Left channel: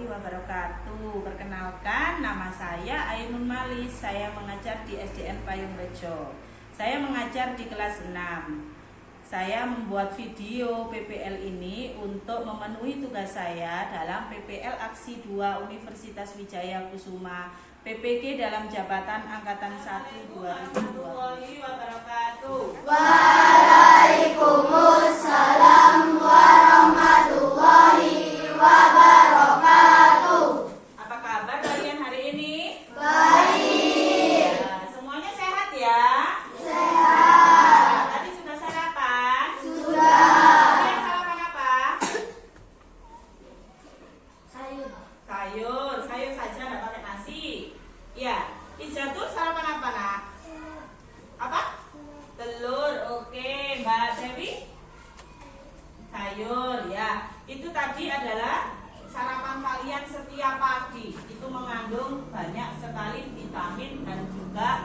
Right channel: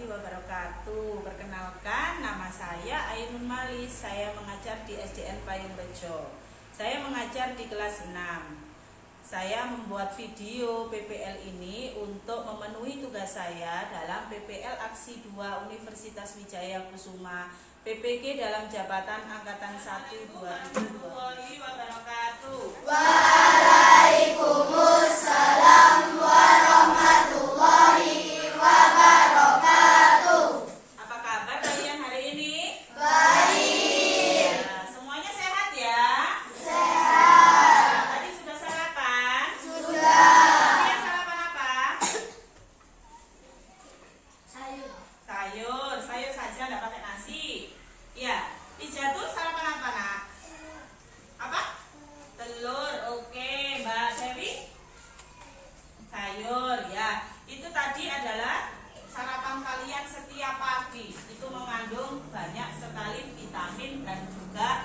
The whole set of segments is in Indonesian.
warahmatullahi wabarakatuh. Perkenalkan, nama saya Ainun Malis. Saya mengajar di SDN Payung Rejo. Saya mengajar di kelas 6. Saya membuat video PPL ini untuk memenuhi tugas saya dalam PPL Aksi 2 Universitas Wijaya Kusuma PPG dalam jabatan Angkatan 1 2020. Waalaikumsalam warahmatullahi wabarakatuh. Apa kabar kalian hari ini? Baik. Ya, semuanya sehat ya? Sehat. Tadi sudah sarapan? Sudah. Kalian sarapan apa? Sayur. Sayur saja, nggak pakai nasi. Ya, Pija tuh sarapan apa nak? Apa? Telur. Oke, Mbak Dewi? Sayur ya. Itu tadi adalah sarapan kalian setiap pagi. Itu mengandung banyak sekali vitamin dan juga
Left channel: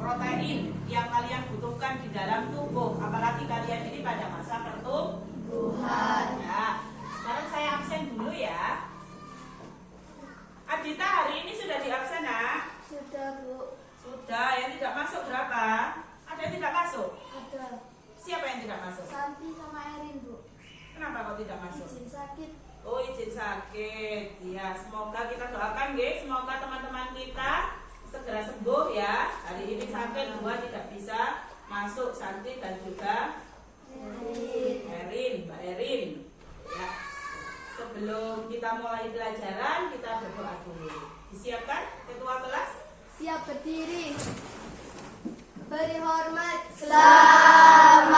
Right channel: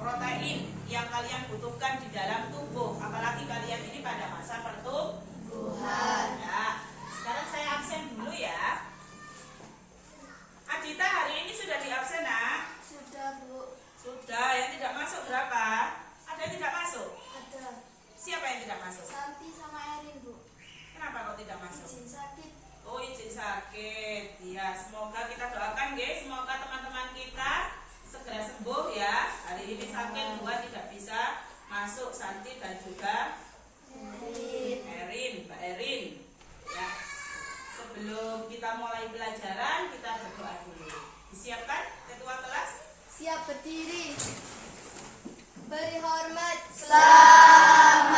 protein yang kalian butuhkan di dalam tubuh. Apalagi kalian ini pada masa pertumbuhan. Ya. Sekarang saya absen dulu ya. Adita hari ini sudah di absen nak? Sudah, Bu. Sudah. Yang tidak masuk berapa? Ada yang tidak masuk? Ada. Siapa yang tidak masuk? Santi sama Erin, Bu. Kenapa kok tidak masuk? Izin sakit. Oh, izin sakit. Ya, semoga kita doakan guys, semoga teman-teman kita segera sembuh ya. Hari ini sakit, dua tidak bisa masuk, Santi dan juga Erin, Mbak Erin. Ya. Sebelum kita mulai pelajaran, kita berdoa dulu. Disiapkan ketua kelas? Siap berdiri. Beri hormat. Selamat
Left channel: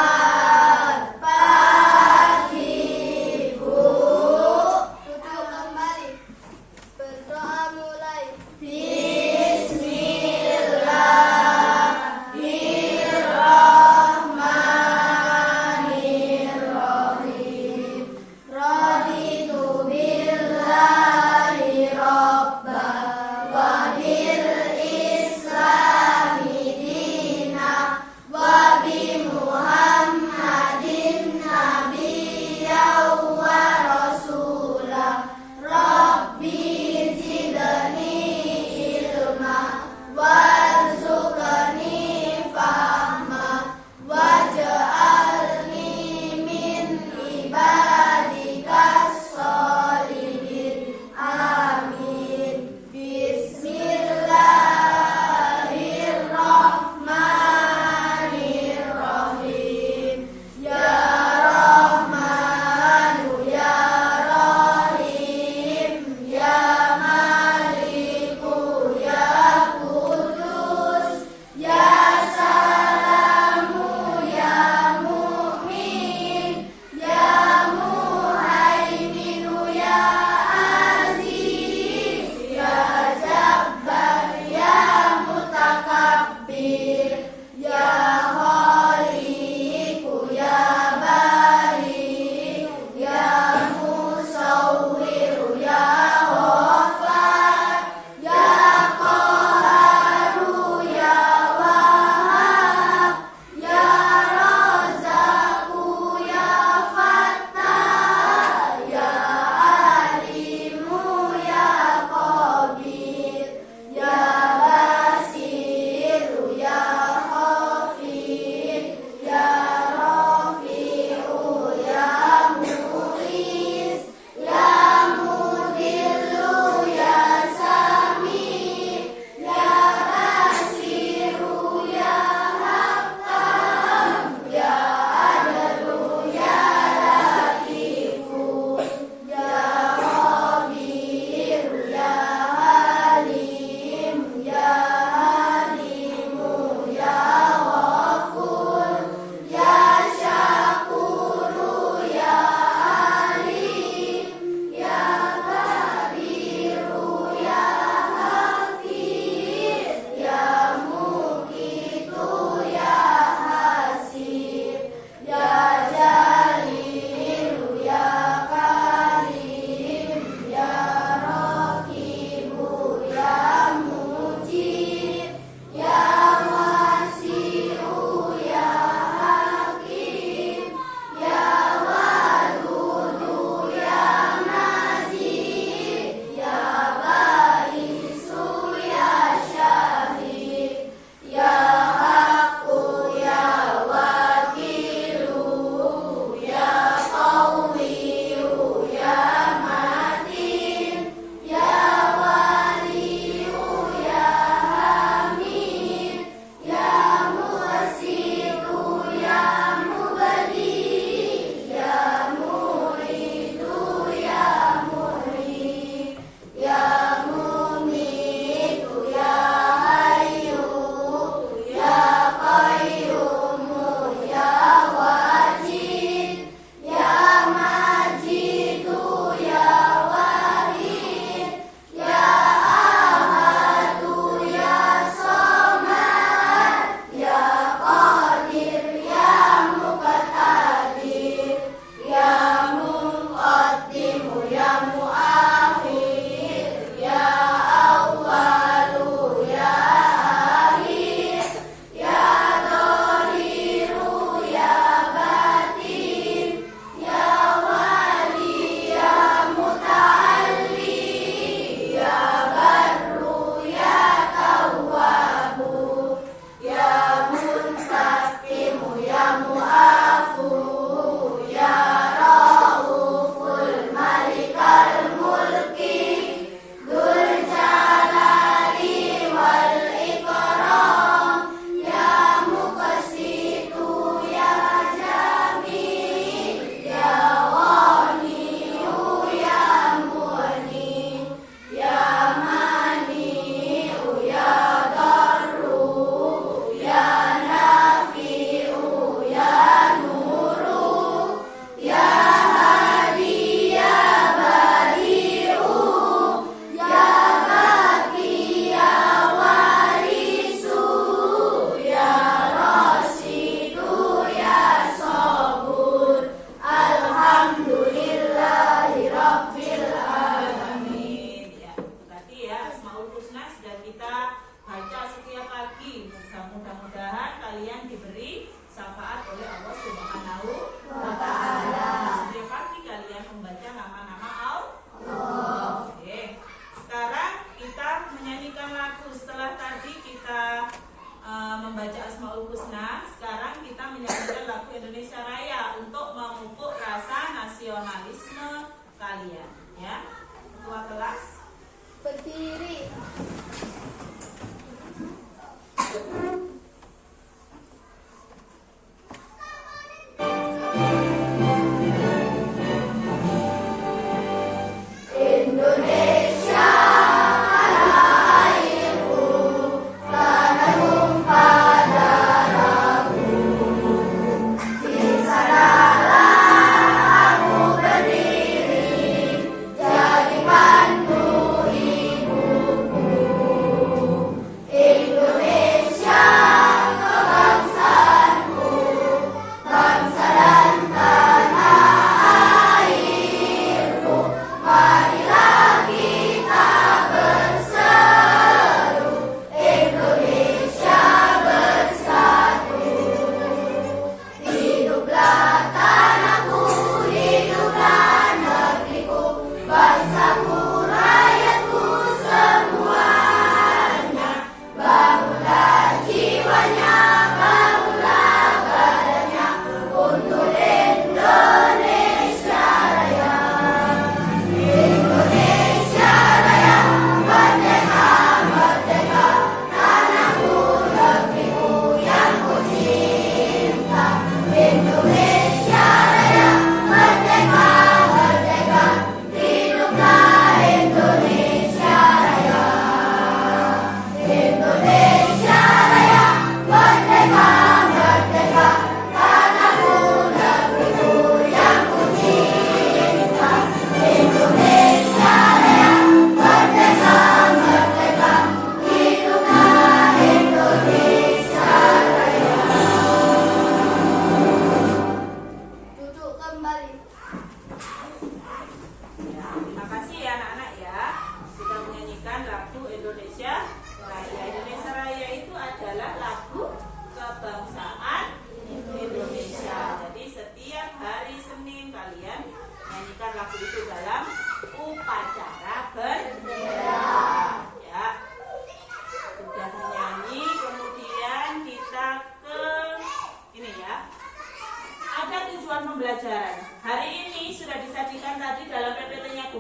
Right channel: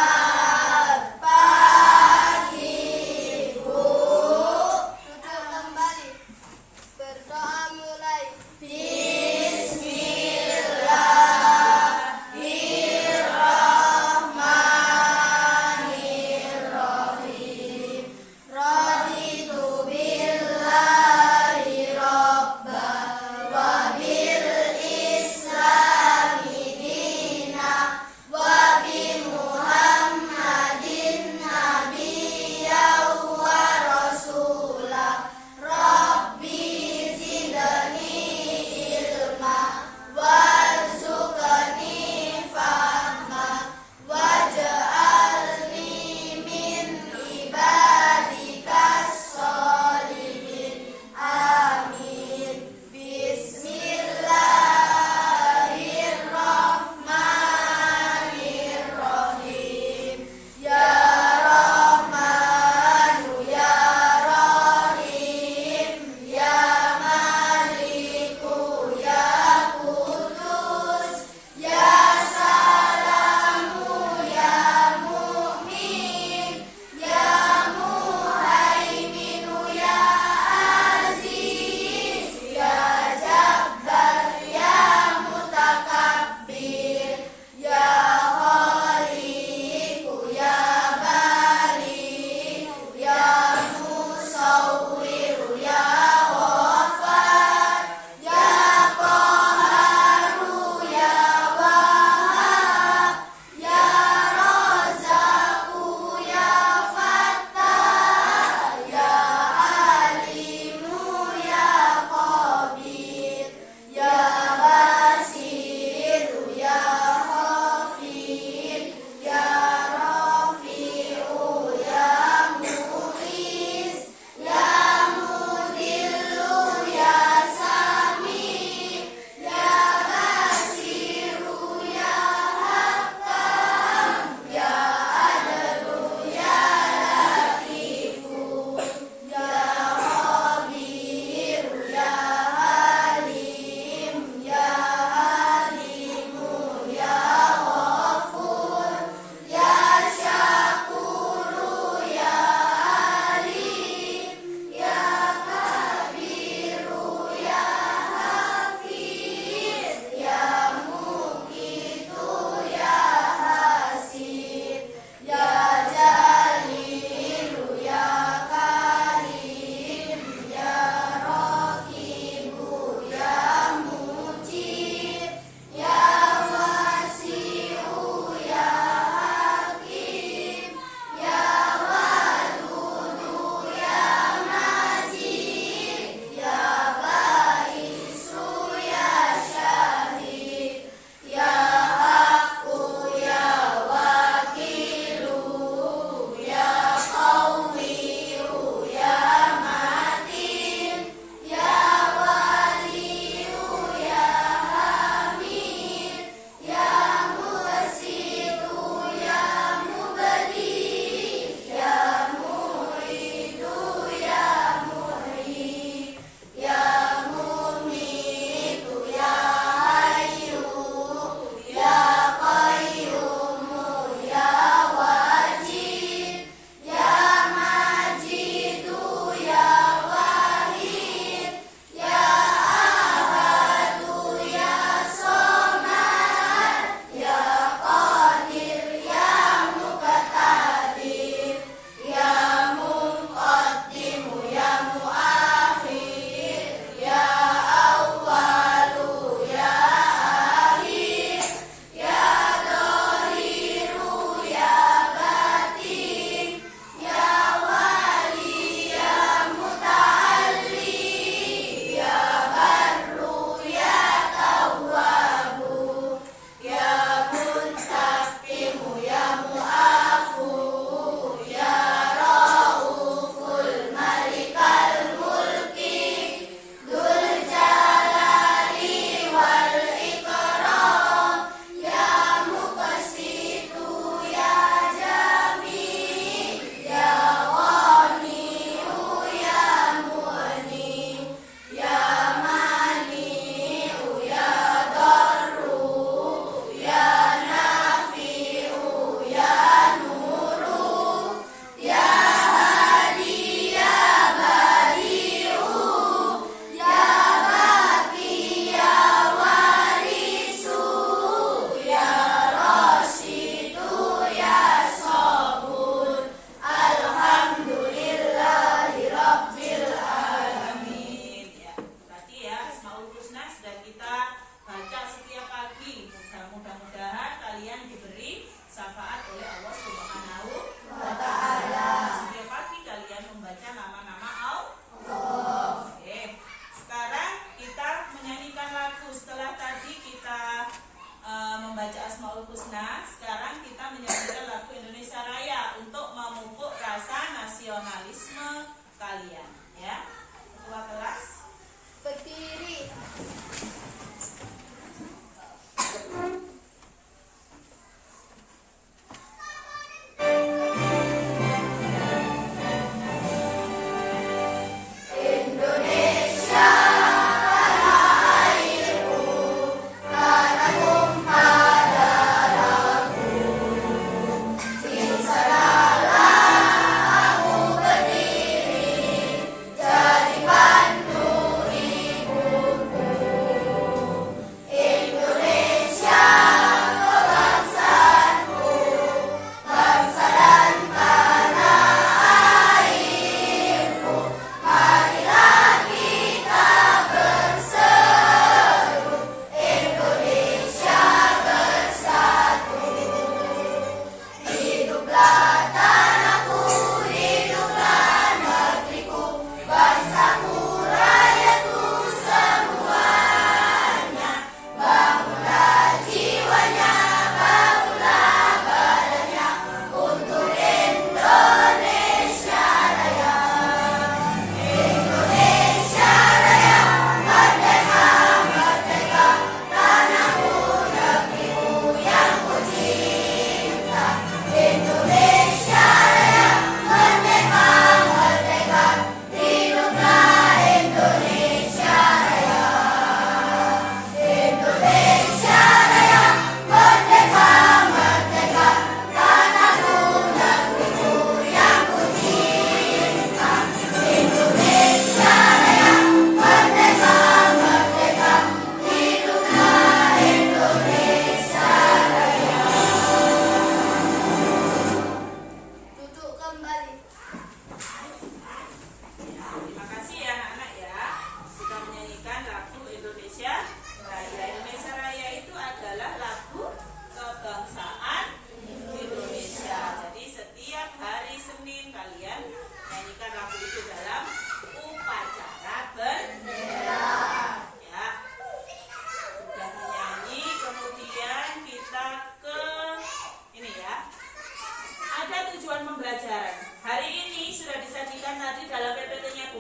pagi, Bu. Duduk kembali. Berdoa mulai. Bismillahirrahmanirrahim. Raditu billahi robba wa bil islami dina wa bi Muhammad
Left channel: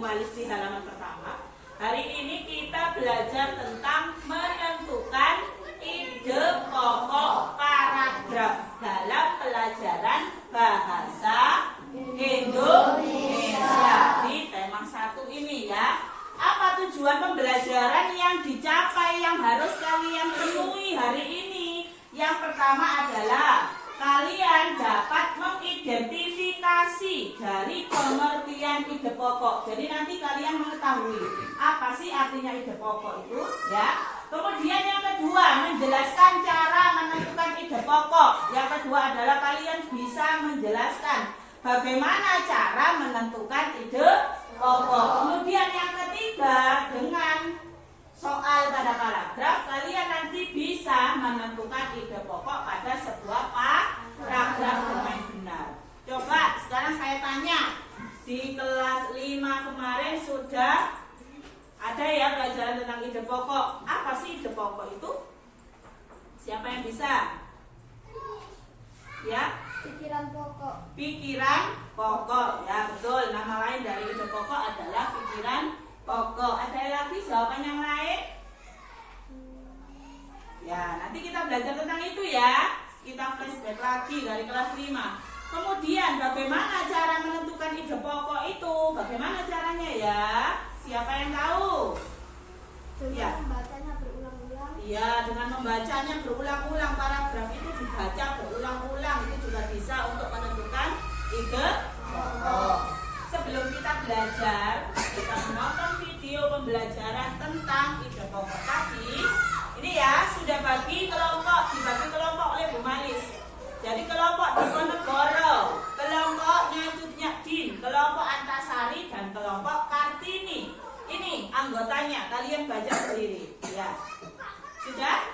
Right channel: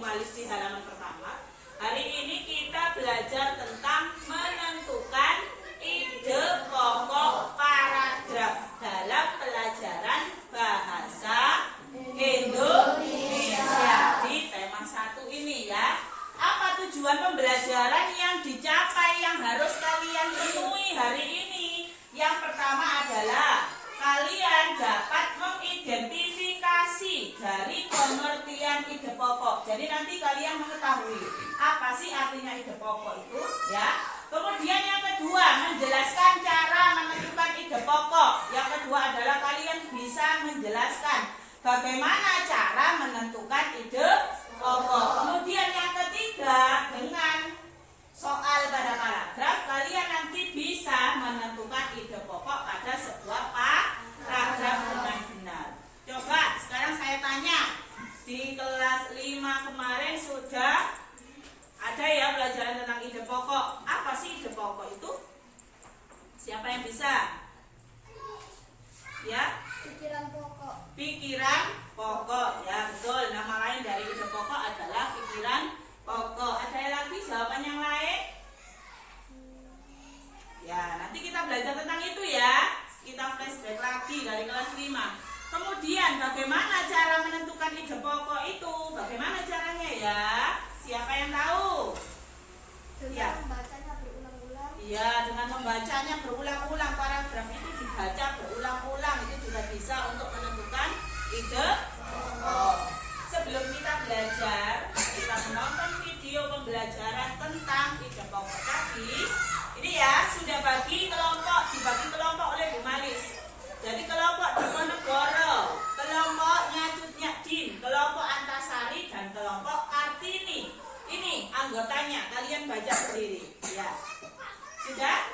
Membalis di halaman pertama. Hari ini kita belajar tentang menentukan ide pokok paragraf dalam pelajaran bahasa Indonesia di tema 1 ini ya. Apa tujuan pembelajaran yang dicapai yang harus kalian temui hari ini? Yang pertama adalah kalian dapat mengidentifikasi dari pengertian ide pokok. Jadi nanti kalian mengetahui apa sih artinya ide pokok itu ya. Kemudian yang kedua, menjelaskan cara menentukan ide pokok. Yang kedua adalah kalian bisa menjelaskan bagaimana cara menentukan ide pokok. Kemudian yang ketiga, dengan soal pada paragraf kalian nanti bisa menentukan ide pokok pada sebuah paragraf dengan benar. Coba sekarang saya tanya, di kelas 5 kemarin sudah ada ya pelajaran tentang ide pokok. Apa sih ide pokok itu? Siapa yang bisa? Ya? Pikiran pokok. Pikiran pokok. Ya betul, nama lain dari ide pokok adalah pikiran pokok. Ada lagi jawaban yang lain? Ya, nanti kita belajar tentang itu ya. Kita flashback lagi dari kelas 5. Kemudian bagaimana cara menentukan ide pokok itu? Bagaimana caranya ya? Siapa yang tahu? Dengan membacanya berulang-ulang. Iya, dengan membacanya berulang-ulang. Paragraf itu dibaca berulang-ulang. Itu juga bisa untuk menentukan ide pokok. Sebelum kita belajar, kita menonton video pembelajaran tentang ide pokok tadi. Ini ya, sudah dibagi kelompok oleh Bu Malis. Jadi kelompok Diponegoro, kelompoknya Cut Nyadin, kelompok Antasari, dan kelompok Kartini. Ini anggotanya, kalian baca sendiri. Ya, sudah?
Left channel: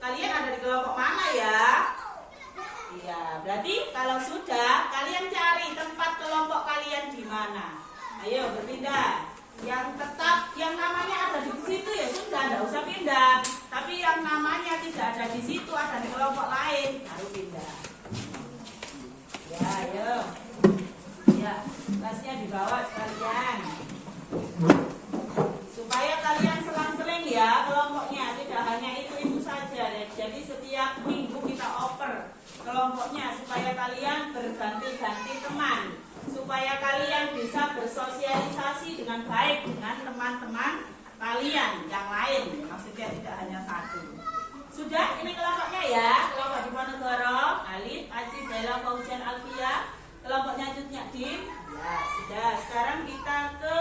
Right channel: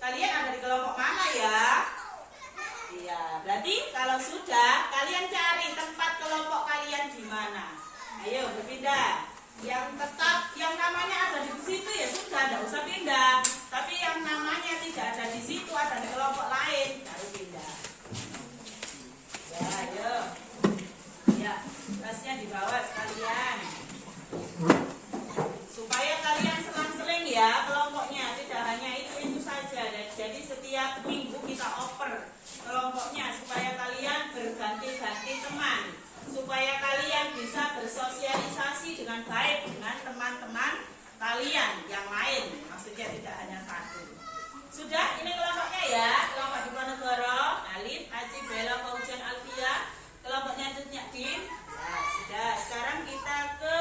Kalian ada di kelompok mana ya? Iya, berarti kalau sudah, kalian cari tempat kelompok kalian di mana. Ayo berpindah. Yang tetap, yang namanya ada di situ ya sudah, tidak usah pindah. Tapi yang namanya tidak ada di situ, ada di kelompok lain, baru pindah. Ya, ayo. Ya, tasnya dibawa sekalian. Supaya kalian selang-seling ya kelompoknya, tidak hanya itu saja. Jadi setiap minggu kita oper kelompoknya supaya kalian berganti-ganti teman, supaya kalian bisa bersosialisasi dengan baik dengan teman-teman kalian yang lain, maksudnya tidak hanya satu. Sudah, ini kelompoknya ya, kelompok Diponegoro, Alif, Aci, Bella, Fauzian, Alfia, kelompoknya Cut Nyadin. Ya, sudah. Sekarang kita ke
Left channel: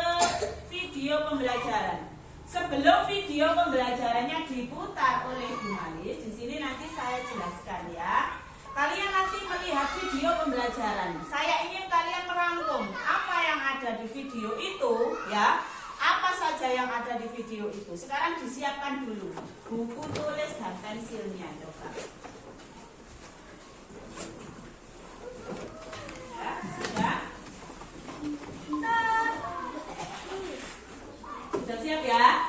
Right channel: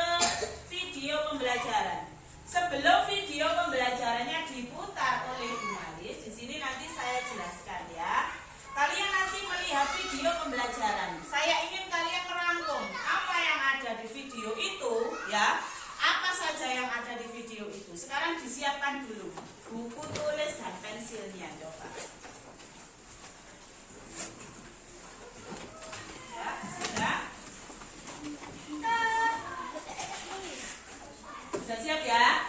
video pembelajaran. Sebelum video pembelajarannya diputar oleh Bu Malis, di sini nanti saya jelaskan ya. Kalian nanti melihat video pembelajaran. Saya ingin kalian merangkum apa yang ada di video itu ya. Apa saja yang ada di video itu. Sekarang disiapkan dulu buku tulis dan pensilnya, coba. Ya, sudah? Sudah siap ya?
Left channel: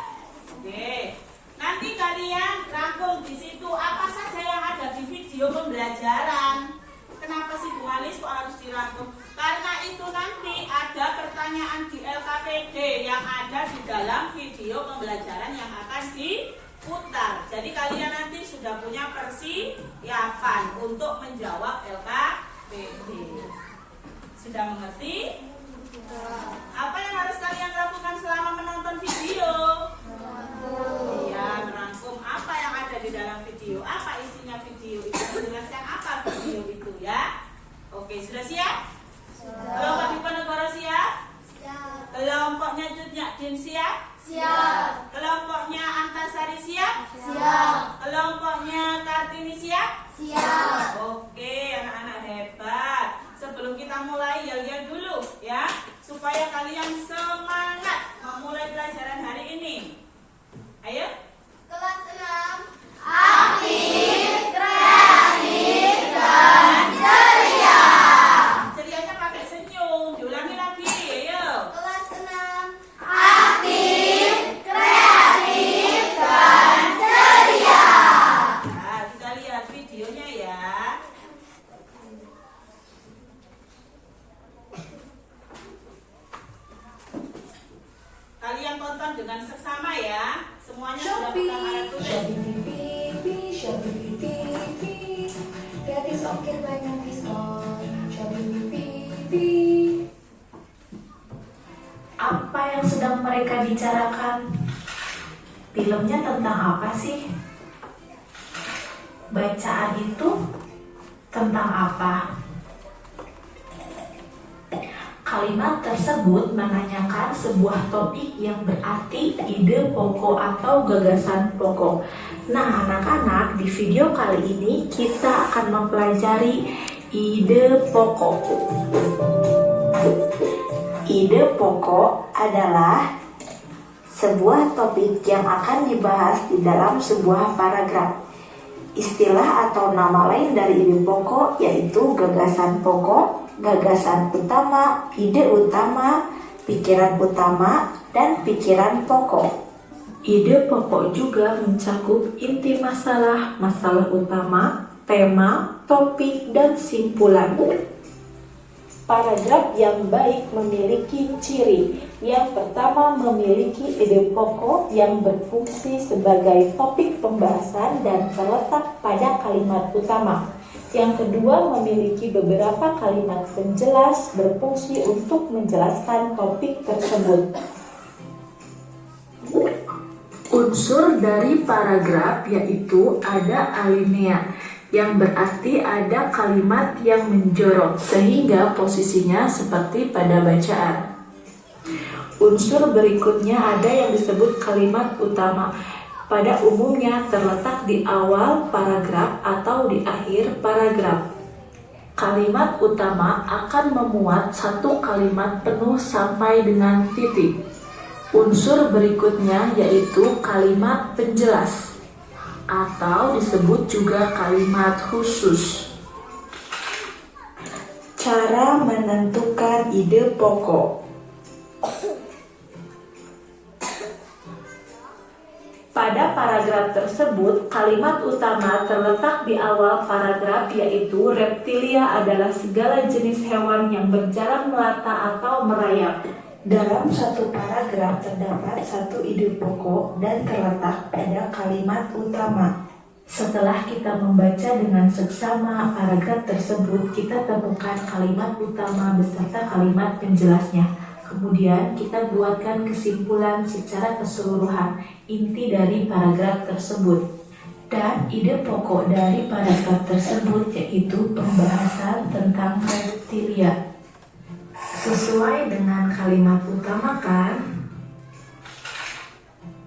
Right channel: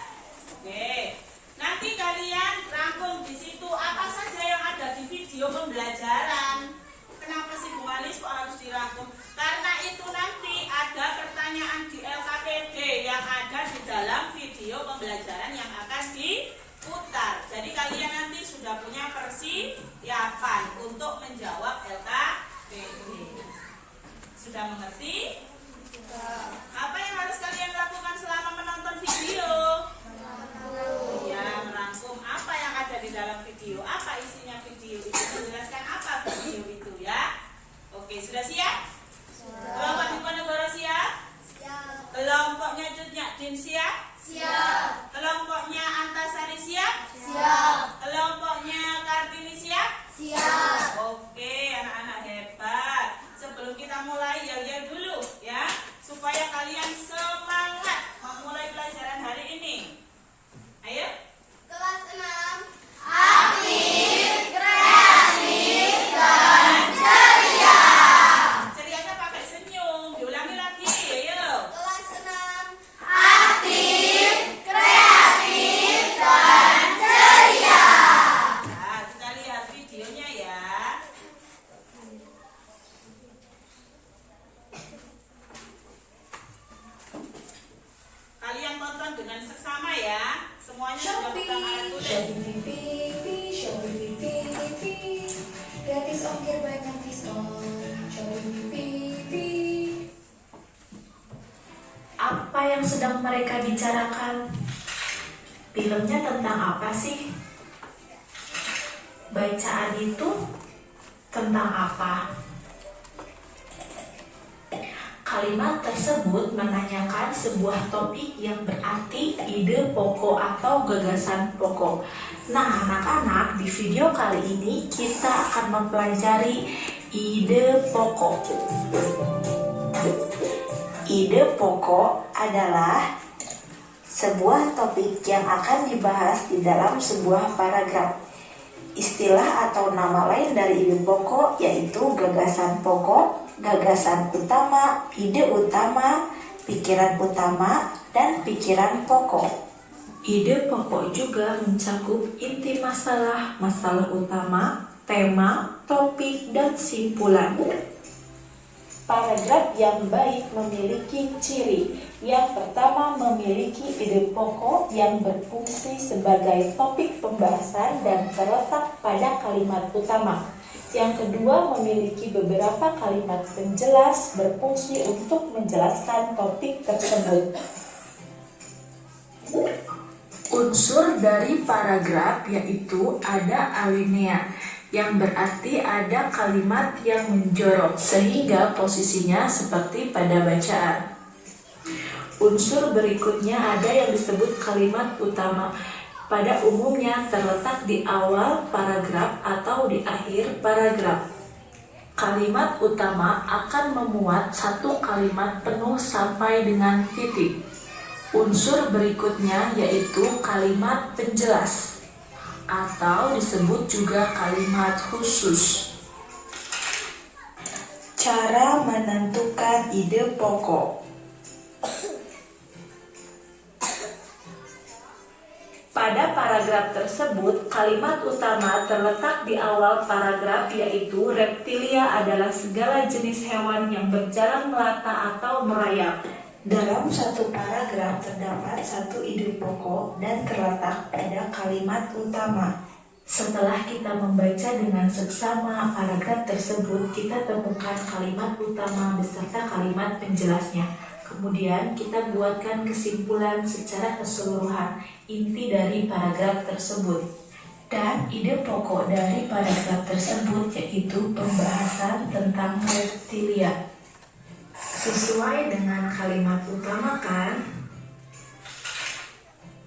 Oke. Nanti kalian rangkum di situ apa saja yang ada di video pembelajaran. Kenapa sih Bu Malis kok harus dirangkum? Karena itu nanti ada pertanyaan di LKPD yang ada di dalam video pembelajaran yang akan diputar. Jadi kalian nanti sudah punya persiapan untuk menjawab LKPD. Sudah mengerti? Apa yang harus kalian lakukan selama menonton video? Ya, merangkum apa yang ada di dalam video. Apa isinya video itu? Menjelaskan apa video itu ya? Oke, sudah siap? Kelompok Diponegoro siap? Siap. Kelompoknya Cut Nyadin siap? Siap. Kelompoknya Antasari siap? Siap. Kelompoknya Kartini siap? Siap. Oke, anak-anak hebat. Sebelum kita mulai, yel-yel dulu ya, supaya kalian semangat memulai pelajaran hari ini. Ayo. Kelas 6. Aktif, kreatif, dan ceria. Cerianya pakai senyum. Diulangi lagi, ayo. Kelas 6. Aktif, kreatif, dan ceria. Nah, kita lihat videonya ya. tonton dengan seksama ya. Semuanya sudah buka alat tulis. Shopee TV, Shopee TV, gratis ongkir banyak diskon. Shopee TV. Apa yang sedang mereka bicarakan? Filmnya tentang apa sih? Bacaan itu tentang apa? Kalimat tersebut menanyakan sebuah topik yang berarti ide pokok atau gagasan pokok. Nah, anak-anak, di video kali ini kita akan mempelajari ide pokok. Ide pokok adalah sebuah topik yang akan dibahas di dalam sebuah paragraf. Istilah atau nama lain dari ide pokok yaitu gagasan pokok, gagasan utama, ide utama, pikiran utama, dan pikiran pokok. Ide pokok juga mencakup inti masalah, masalah utama, tema, topik, dan simpulan. Paragraf yang baik memiliki ciri. Yang pertama, memiliki ide pokok yang berfungsi sebagai topik pembahasan dan terletak pada kalimat utama. Yang kedua, memiliki beberapa kalimat penjelas berfungsi untuk menjelaskan topik tersebut. Unsur dari paragraf yaitu ada alinea, yang berarti ada kalimat yang menjorok sehingga posisinya seperti pada bacaan. Unsur berikutnya ada yang disebut kalimat utama. Pada umumnya terletak di awal paragraf atau di akhir paragraf. Kalimat utama akan memuat satu kalimat penuh sampai dengan titik. Unsur berikutnya yaitu kalimat penjelas atau disebut juga kalimat khusus. Cara menentukan ide pokok. Pada paragraf tersebut, kalimat utama terletak di awal paragraf yaitu reptilia adalah segala jenis hewan yang berjalan melata atau merayap. Dalam satu paragraf terdapat satu ide pokok dan terletak pada kalimat utama. Setelah kita membaca dengan seksama paragraf tersebut, kita temukan kalimat utama beserta kalimat penjelasnya. Kemudian kita buatkan kesimpulan secara keseluruhan inti dari paragraf tersebut. Dan ide pokok dari paragraf tersebut yaitu pembahasan tentang reptilia. Sesuai dengan kalimat utama kan?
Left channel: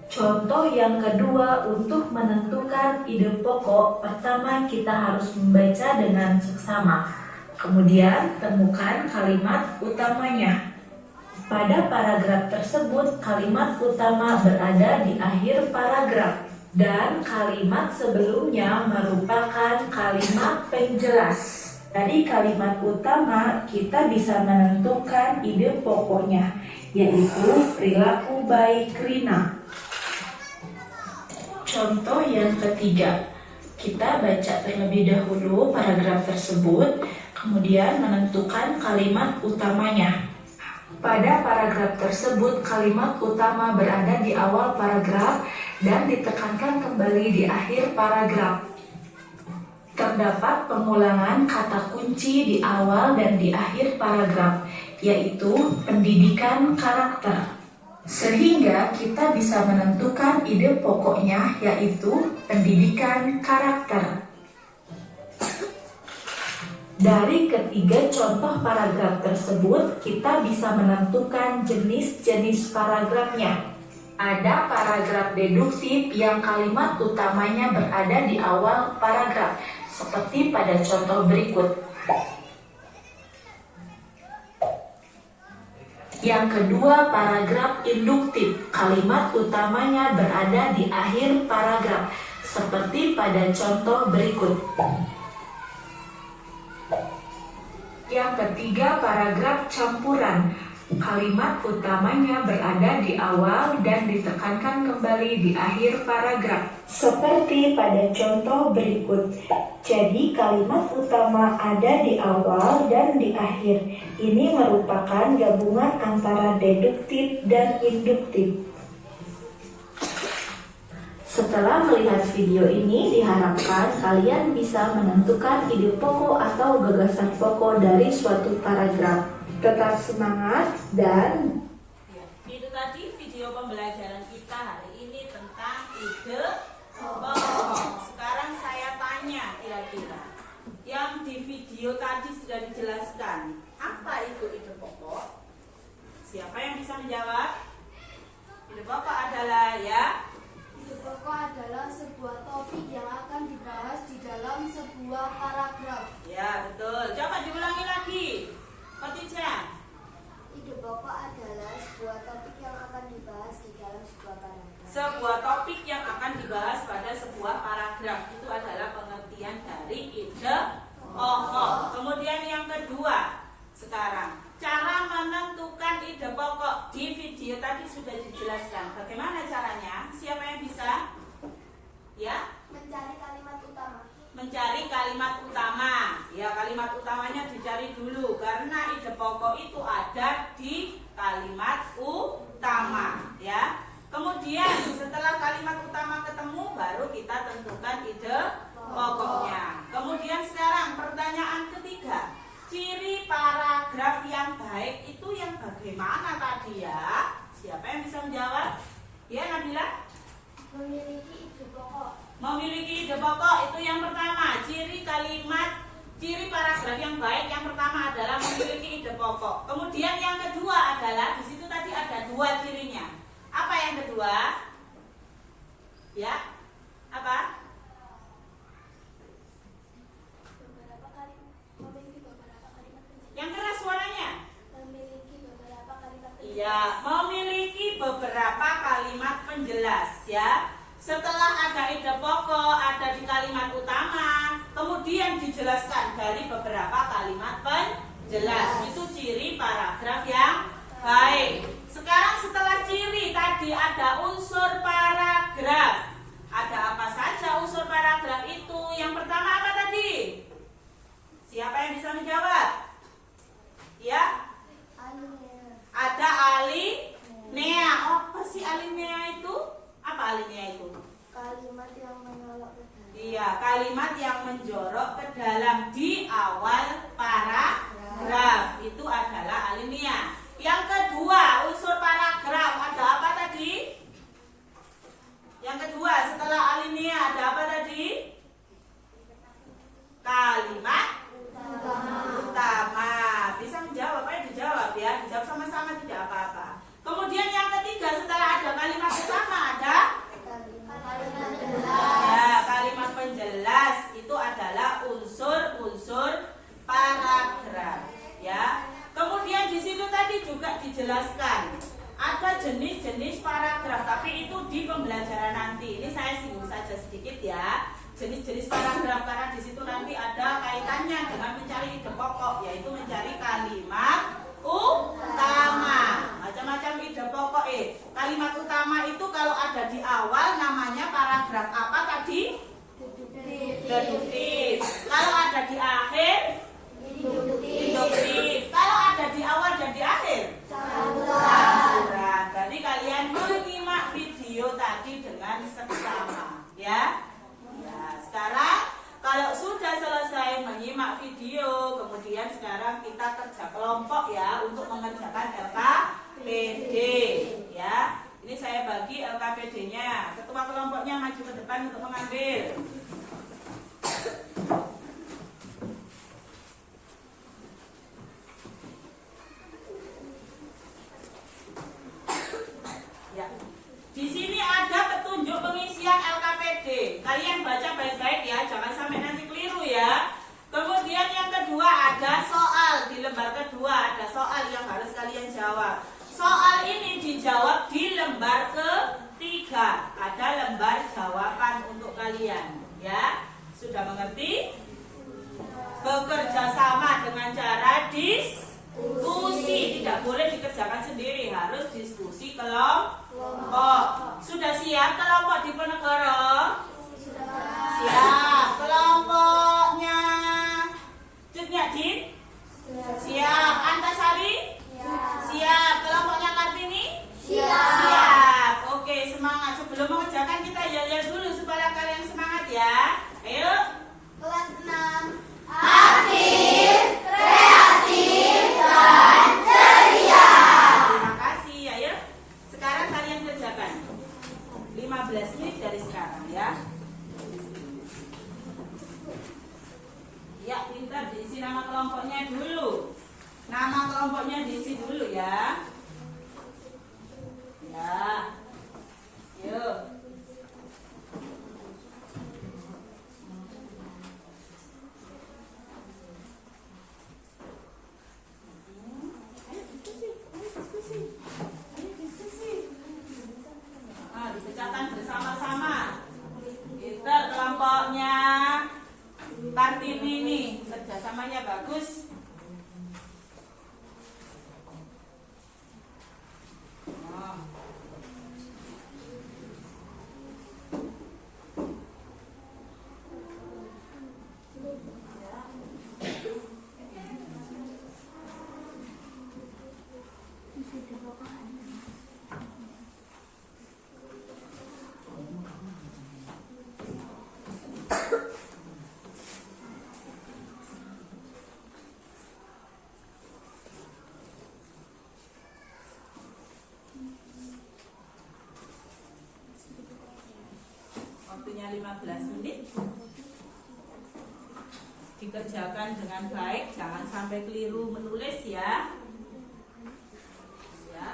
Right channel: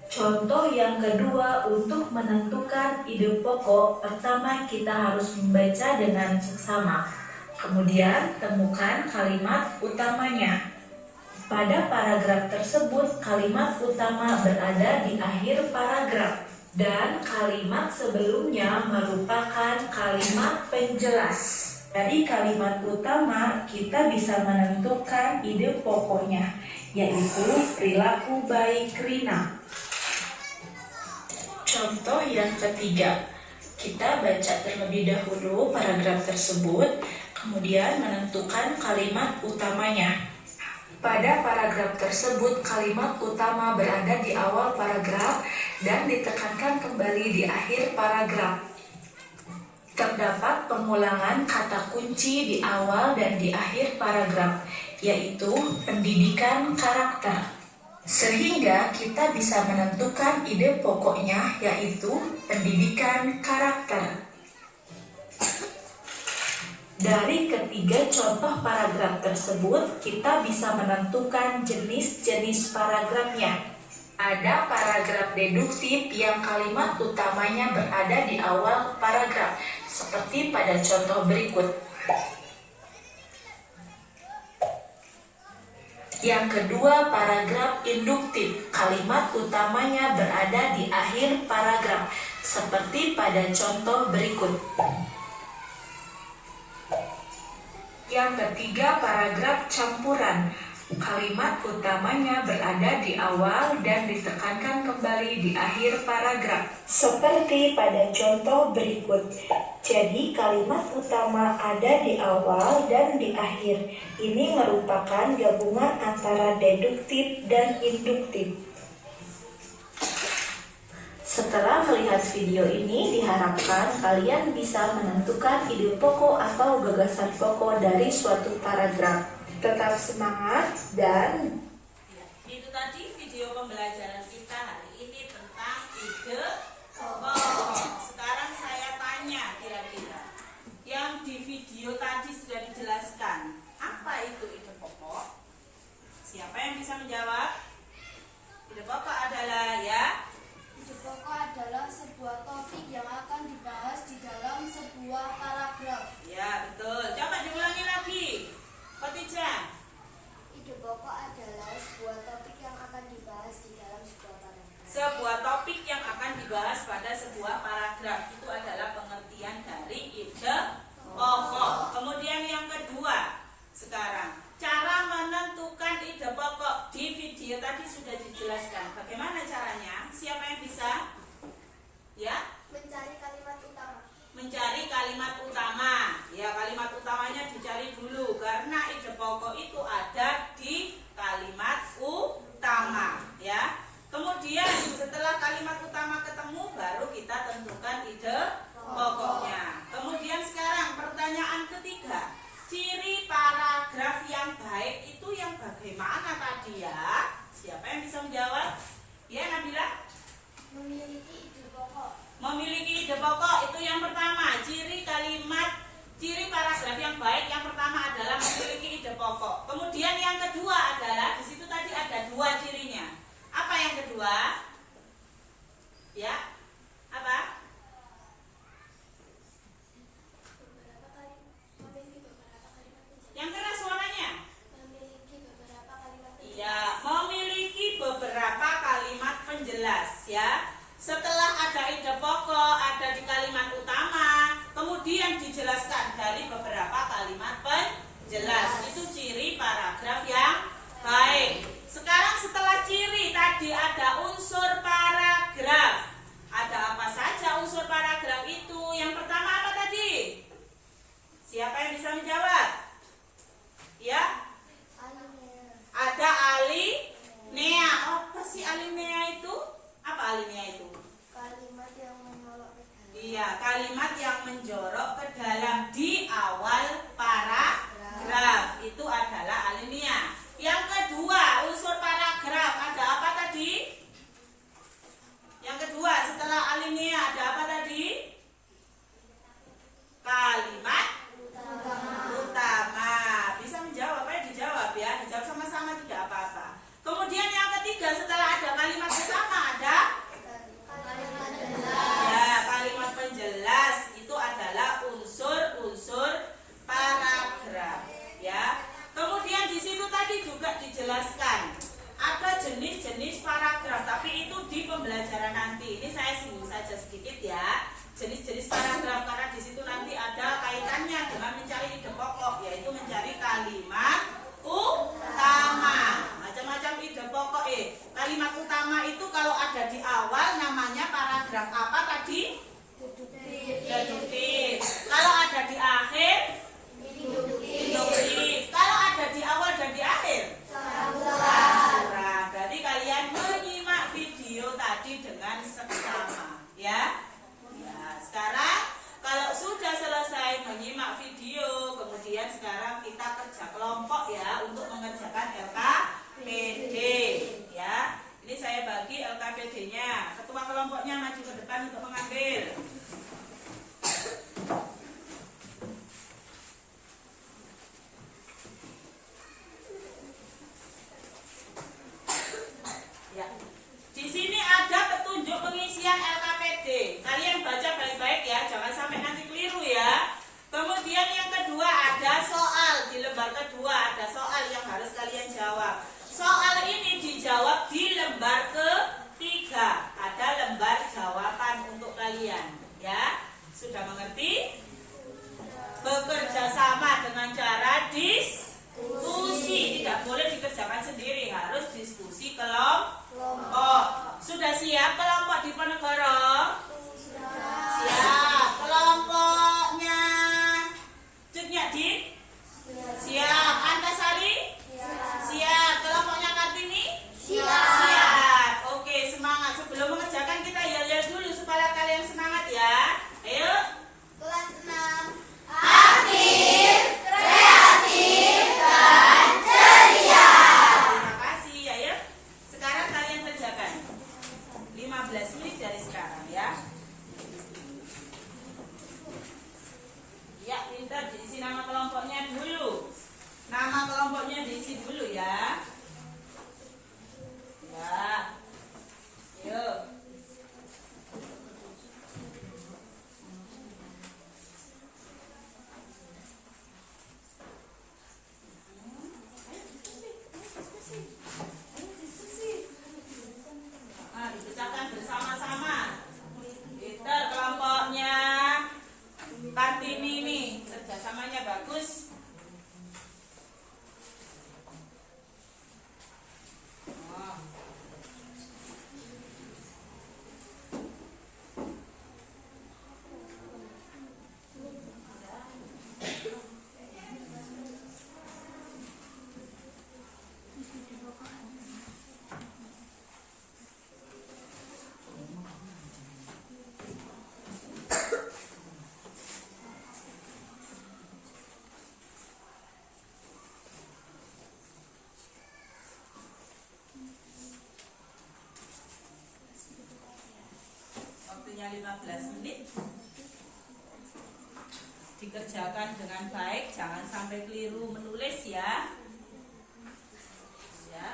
Contoh yang kedua, untuk menentukan ide pokok, pertama kita harus membaca dengan seksama. Kemudian temukan kalimat utamanya. Pada paragraf tersebut, kalimat utama berada di akhir paragraf dan kalimat sebelumnya merupakan kalimat penjelas. Dari kalimat utama, kita bisa menentukan ide pokoknya, yaitu perilaku baik Rina. Contoh yang ketiga, kita baca terlebih dahulu paragraf tersebut, kemudian menentukan kalimat utamanya. Pada paragraf tersebut, kalimat utama berada di awal paragraf dan ditekankan kembali di akhir paragraf. Terdapat pengulangan kata kunci di awal dan di akhir paragraf, yaitu pendidikan karakter. Sehingga kita bisa menentukan ide pokoknya, yaitu pendidikan karakter. Dari ketiga contoh paragraf tersebut, kita bisa menentukan jenis-jenis paragrafnya. Ada paragraf deduktif yang kalimat utamanya berada di awal paragraf, seperti pada contoh berikut. Yang kedua, paragraf induktif, kalimat utamanya berada di akhir paragraf, seperti pada contoh berikut. Yang ketiga, paragraf campuran. Kalimat utamanya berada di awal dan ditekankan kembali di akhir paragraf. Seperti pada contoh berikut. Jadi kalimat utama ada di awal dan di akhir. Ini merupakan gabungan antara deduktif dan induktif. Setelah melihat video ini, diharapkan kalian bisa menentukan ide pokok atau gagasan pokok dari suatu paragraf. Tetap semangat dan Ya, itu tadi video pembelajaran kita hari ini tentang ide pokok. Sekarang saya tanya kira-kira, yang di video tadi sudah dijelaskan, apa itu ide pokok? Siapa yang bisa menjawab? Ide pokok adalah Ide pokok adalah sebuah topik yang akan dibahas di dalam sebuah paragraf. Ya, betul. Coba diulangi lagi. Ketiga. Ide pokok adalah sebuah topik yang akan dibahas di dalam sebuah paragraf. Sebuah topik yang akan dibahas pada sebuah paragraf itu adalah pengertian dari ide pokok. Kemudian yang kedua, sekarang cara menentukan ide pokok di video tadi sudah dijelaskan. Bagaimana caranya? Siapa yang bisa? Ya, Mencari kalimat utama. mencari kalimat utama. Ya, kalimat utamanya dicari dulu karena ide pokok itu ada di kalimat utama, ya. Kemudian setelah kalimat utama ketemu baru kita tentukan ide pokoknya. Kemudian sekarang pertanyaan ketiga, ciri paragraf yang baik itu yang bagaimana tadi ya? Siapa yang bisa menjawab? Ya, Nabila? Memiliki ide pokok. Memiliki ide pokok itu yang pertama. Ciri paragraf yang baik yang pertama adalah memiliki ide pokok. Kemudian yang kedua adalah di situ tadi ada dua cirinya. Apa yang kedua? Ya, apa? Memiliki beberapa kalimat penjelas. Yang keras suaranya? Memiliki beberapa kalimat penjelas. Iya, memiliki beberapa kalimat penjelas ya. Setelah ada ide pokok, ada di kalimat utama, kemudian dijelaskan dari beberapa kalimat penjelas. Itu ciri paragraf yang baik. Sekarang setelah ciri tadi ada unsur paragraf. Ada apa saja unsur paragraf itu? Yang pertama apa tadi? Siapa yang bisa menjawab? Ya? Alinea. Ada alinea. Apa sih alinea itu? Apa alinea itu? Kalimat yang menolak ke dalam. Iya, kalimat yang menjorok ke dalam di awal paragraf. Itu adalah alinea. Yang kedua, unsur paragraf ada apa tadi? Yang kedua, setelah alinea ada apa tadi? Kalimat utama. Bisa menjawab, ayo dijawab ya. Dijawab sama-sama tidak apa-apa. Kemudian yang ketiga, setelah ada kalimat utama ada ya, kalimat penjelas. Itu adalah unsur-unsur paragraf ya. Kemudian di situ tadi juga dijelaskan ada jenis-jenis paragraf, tapi itu di pembelajaran nanti. Ini saya singgung saja sedikit ya. Jenis-jenis paragraf karena di situ nanti ada kaitannya dengan mencari ide pokok, yaitu mencari kalimat utama. Macam-macam ide pokok. Kalimat utama itu kalau ada di awal namanya paragraf apa tadi? Deduktif. Kalau ada di akhir induktif. Kalau ada di awal dan di akhir campuran. Berarti kalian menyimak video tadi dengan seksama ya. Sekarang kalau sudah selesai menyimak video, kemudian sekarang kita kerja kelompok ya untuk mengerjakan LKPD ya. Ini saya bagi LKPD-nya. Ketua kelompoknya maju ke depan untuk mengambil. Ya. Di sini ada petunjuk pengisian LKPD. Kalian baca baik-baik ya, jangan sampai nanti keliru ya. Kemudian yang kedua ada soal. Di lembar kedua ada soal yang harus kalian jawab. Soal ini dijawab di lembar ketiga. Ada lembar jawaban untuk kalian ya. Sudah mengerti? Bekerja sama dengan cara diskusi. Tidak boleh dikerjakan sendiri, harus diskusi kelompok. Sudah siap kelompok Diponegoro? Siap. Kelompoknya Cutnya Din? Siap. Antasari? Siap. Kelompoknya Kartini? Siap. Oke, semangat. Sebelum mengerjakan kita yel-yel irama-iramanya bagus. Oh. Waktunya 15 menit. Dikerjakan dengan baik, jangan sampai keliru menulis ya. Ya.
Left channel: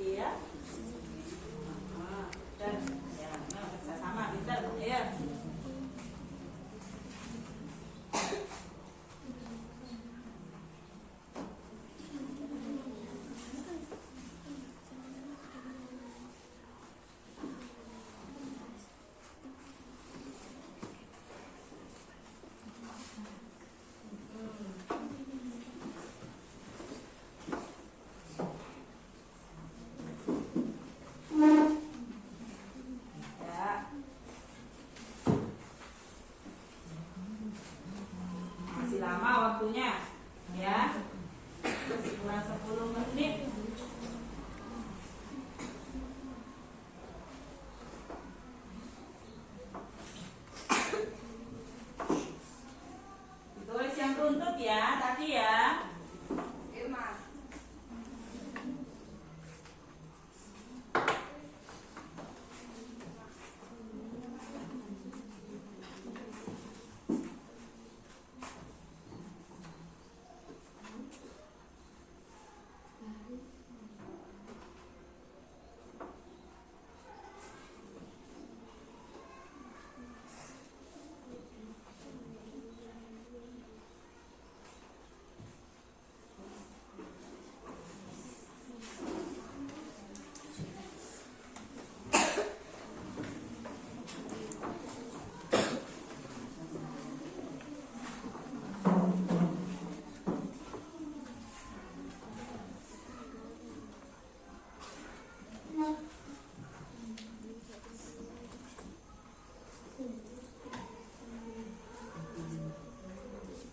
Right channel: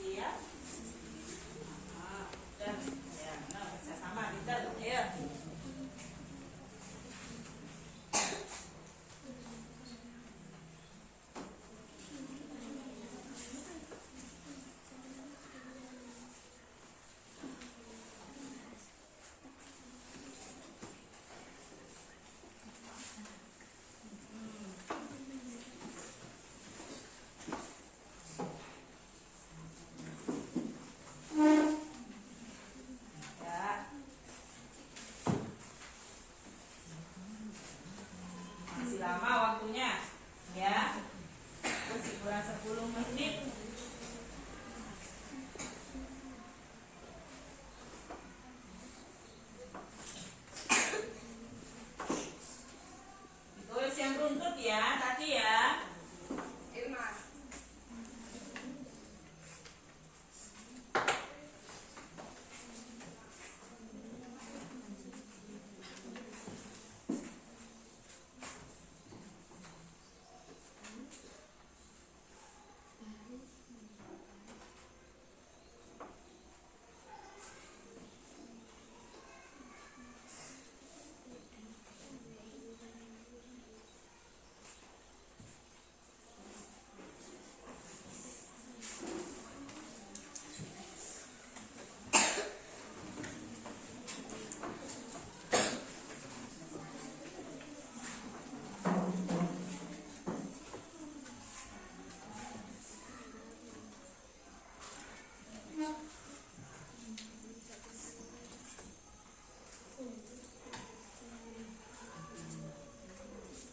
Iya. Dan ya, kerjasama kita, ya. Ya. Masih lama waktunya, ya. Masih kurang 10 menit. Ditulis yang runtut ya, tadi ya.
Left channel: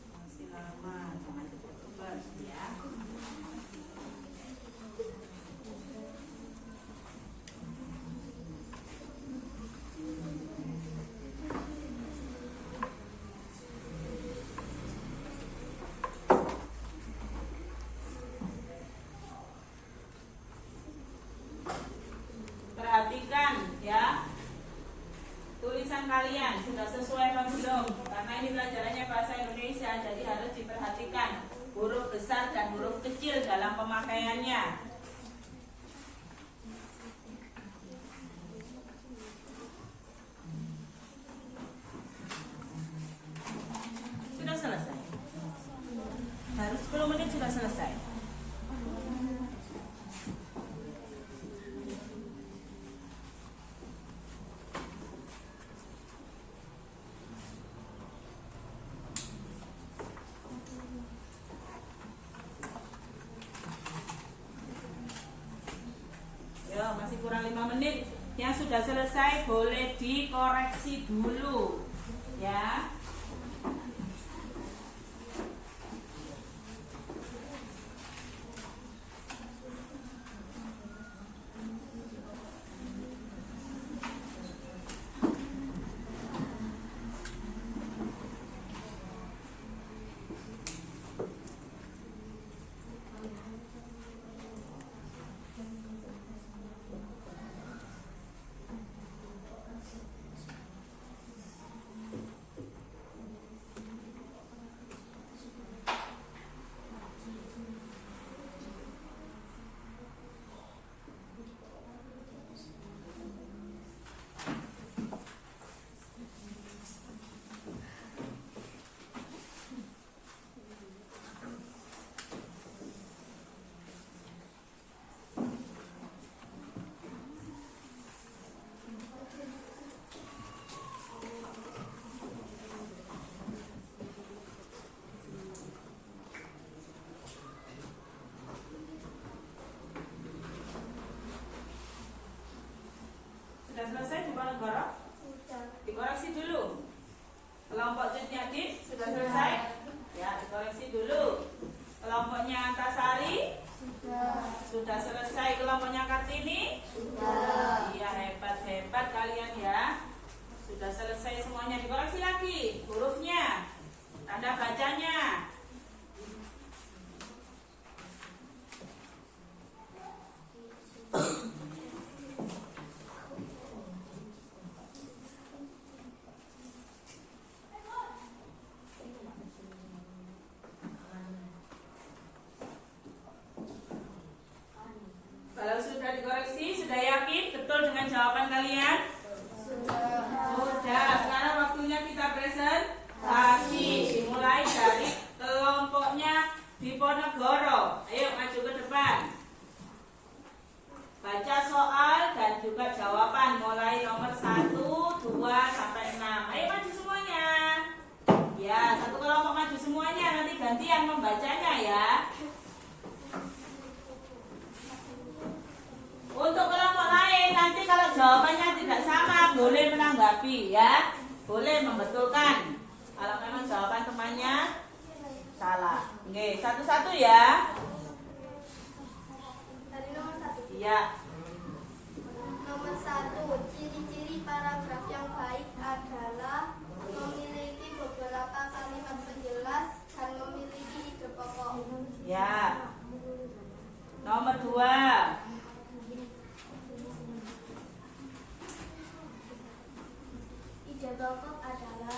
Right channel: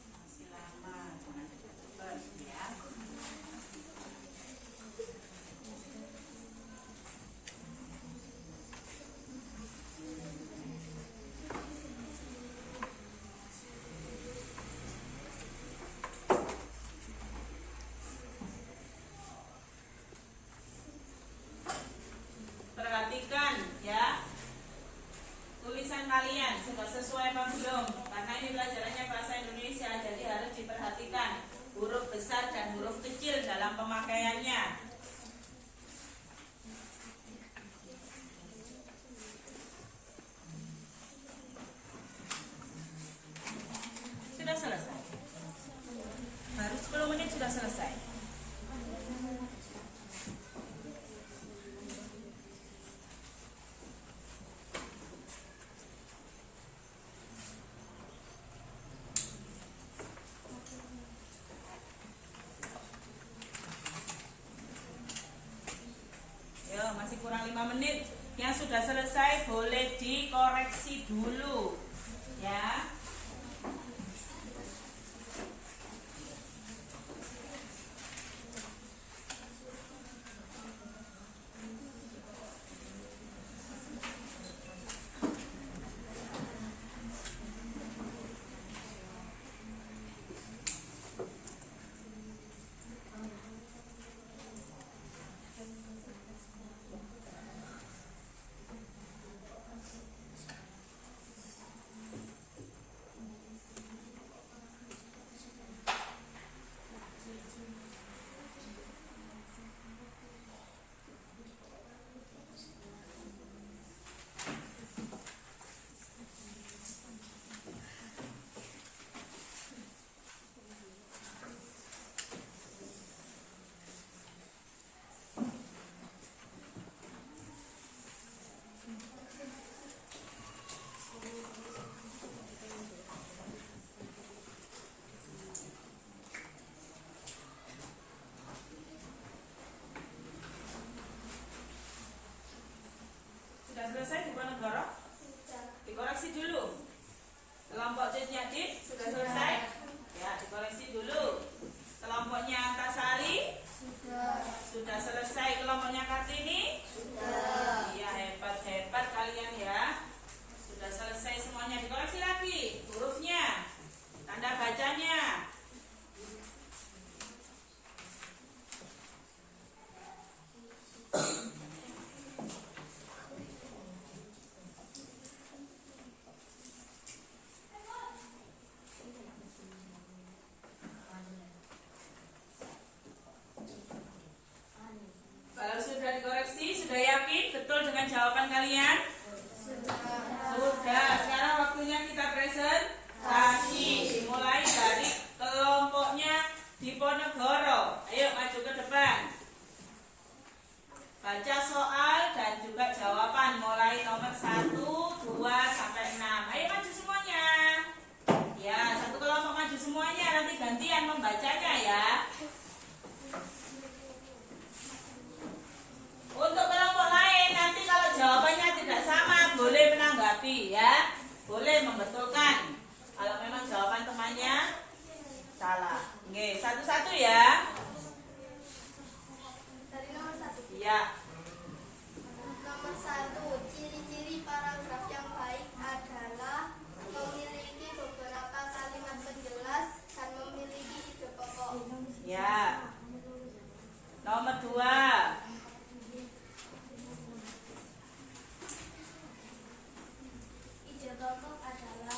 Masih lama, jangan cepat-cepat ya. Perhatikan ya, tulisan kalian sudah sesuai apa belum? Karena ini pelajarannya bahasa Indonesia, jadi harus diperhatikan huruf besar dan huruf kecil dalam pemakaiannya. Sudah selesai. Baru 10 menit sudah selesai. Yo, masih kurang 5 menit. Yang sudah selesai boleh dikoreksi dulu ya. Sudah selesai Diponegoro? Sudah. Dikoreksi dulu. Kelompok Cetnyadin sudah selesai? Ya, dikoreksi dulu. Kelompoknya Antasari? Sudah selesai. Kelompoknya Kartini? Sudah. Iya, hebat kalian ya. Sudah selesai semuanya. Dikoreksi lagi hurufnya, tanda bacanya. Kalau sudah dikoreksi, sudah yakin betul dengan jawaban kalian? Sudah. Sekarang waktunya kita presentasi. Dimulai dari kelompoknya Diponegoro. Ayo maju ke depan. Baca soal dan juga jawaban mulai nomor 1, 2 sampai 6. Ayo maju semuanya. Ya, satu kelompok maju semuanya. Nanti gantian membacanya ya. Untuk kelompok lain nanti kalau jawabannya tidak sama boleh menanggapi ya, boleh membetulkan kalau memang jawaban temannya salah. Oke, satu-satu ya. Dari nomor 1. Iya. Nomor 1, ciri-ciri paragraf yang baik adalah memiliki beberapa kalimat penjelas dan memiliki ide pokok. Ya. Nomor 2. Ide pokok adalah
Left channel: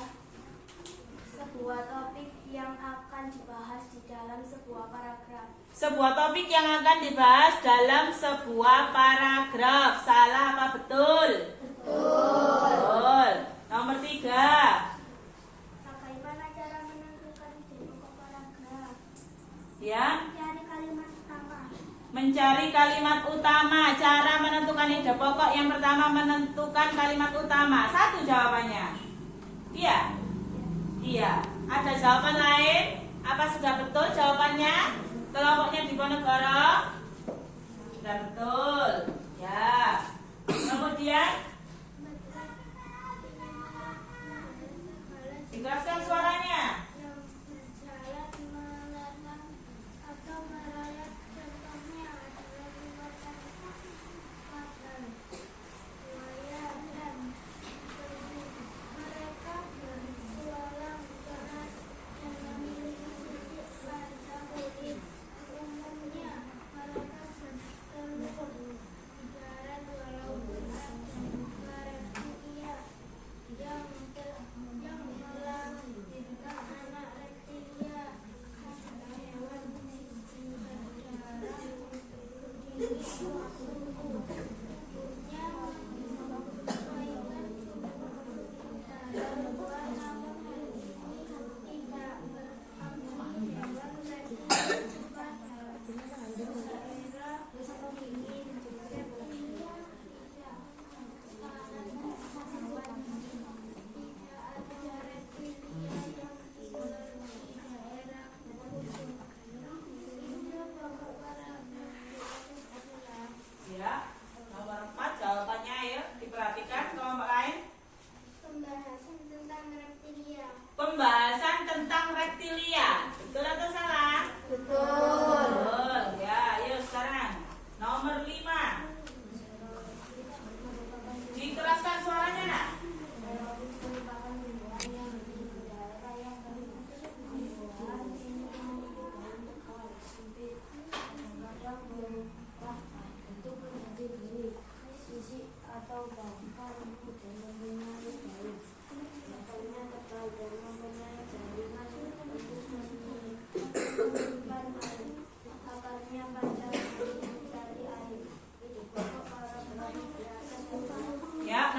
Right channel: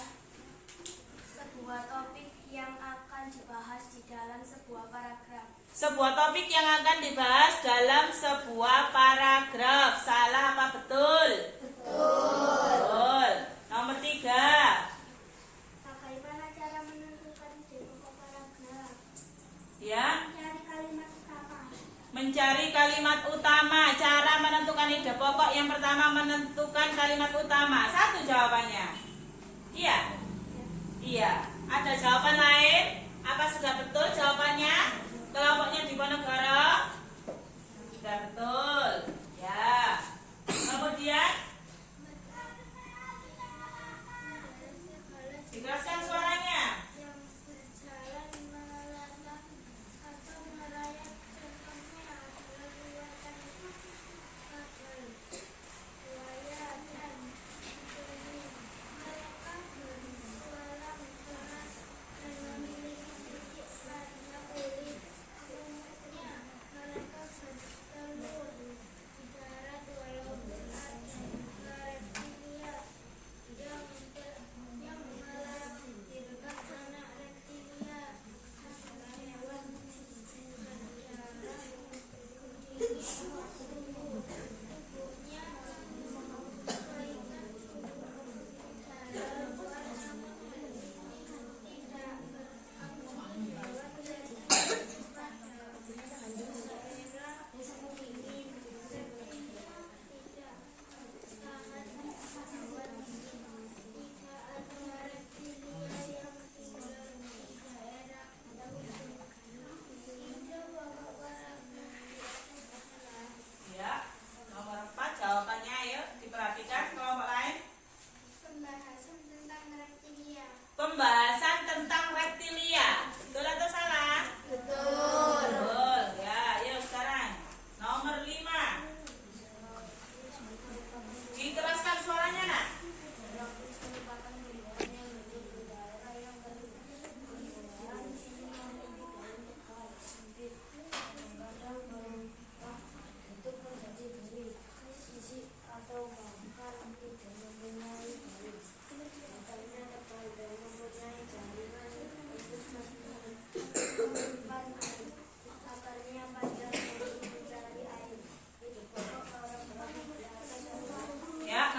sebuah topik yang akan dibahas di dalam sebuah paragraf. Sebuah topik yang akan dibahas dalam sebuah paragraf. Salah apa betul? Betul. Nomor 3. Bagaimana cara menentukan ide pokok paragraf? Ya. Mencari kalimat utama. Mencari kalimat utama. Cara menentukan ide pokok yang pertama menentukan kalimat utama. Satu jawabannya. Iya. Iya. Ada jawaban lain? Apa sudah betul jawabannya? Kelompoknya Diponegoro? Sudah betul. Ya. Kemudian dikeraskan suaranya.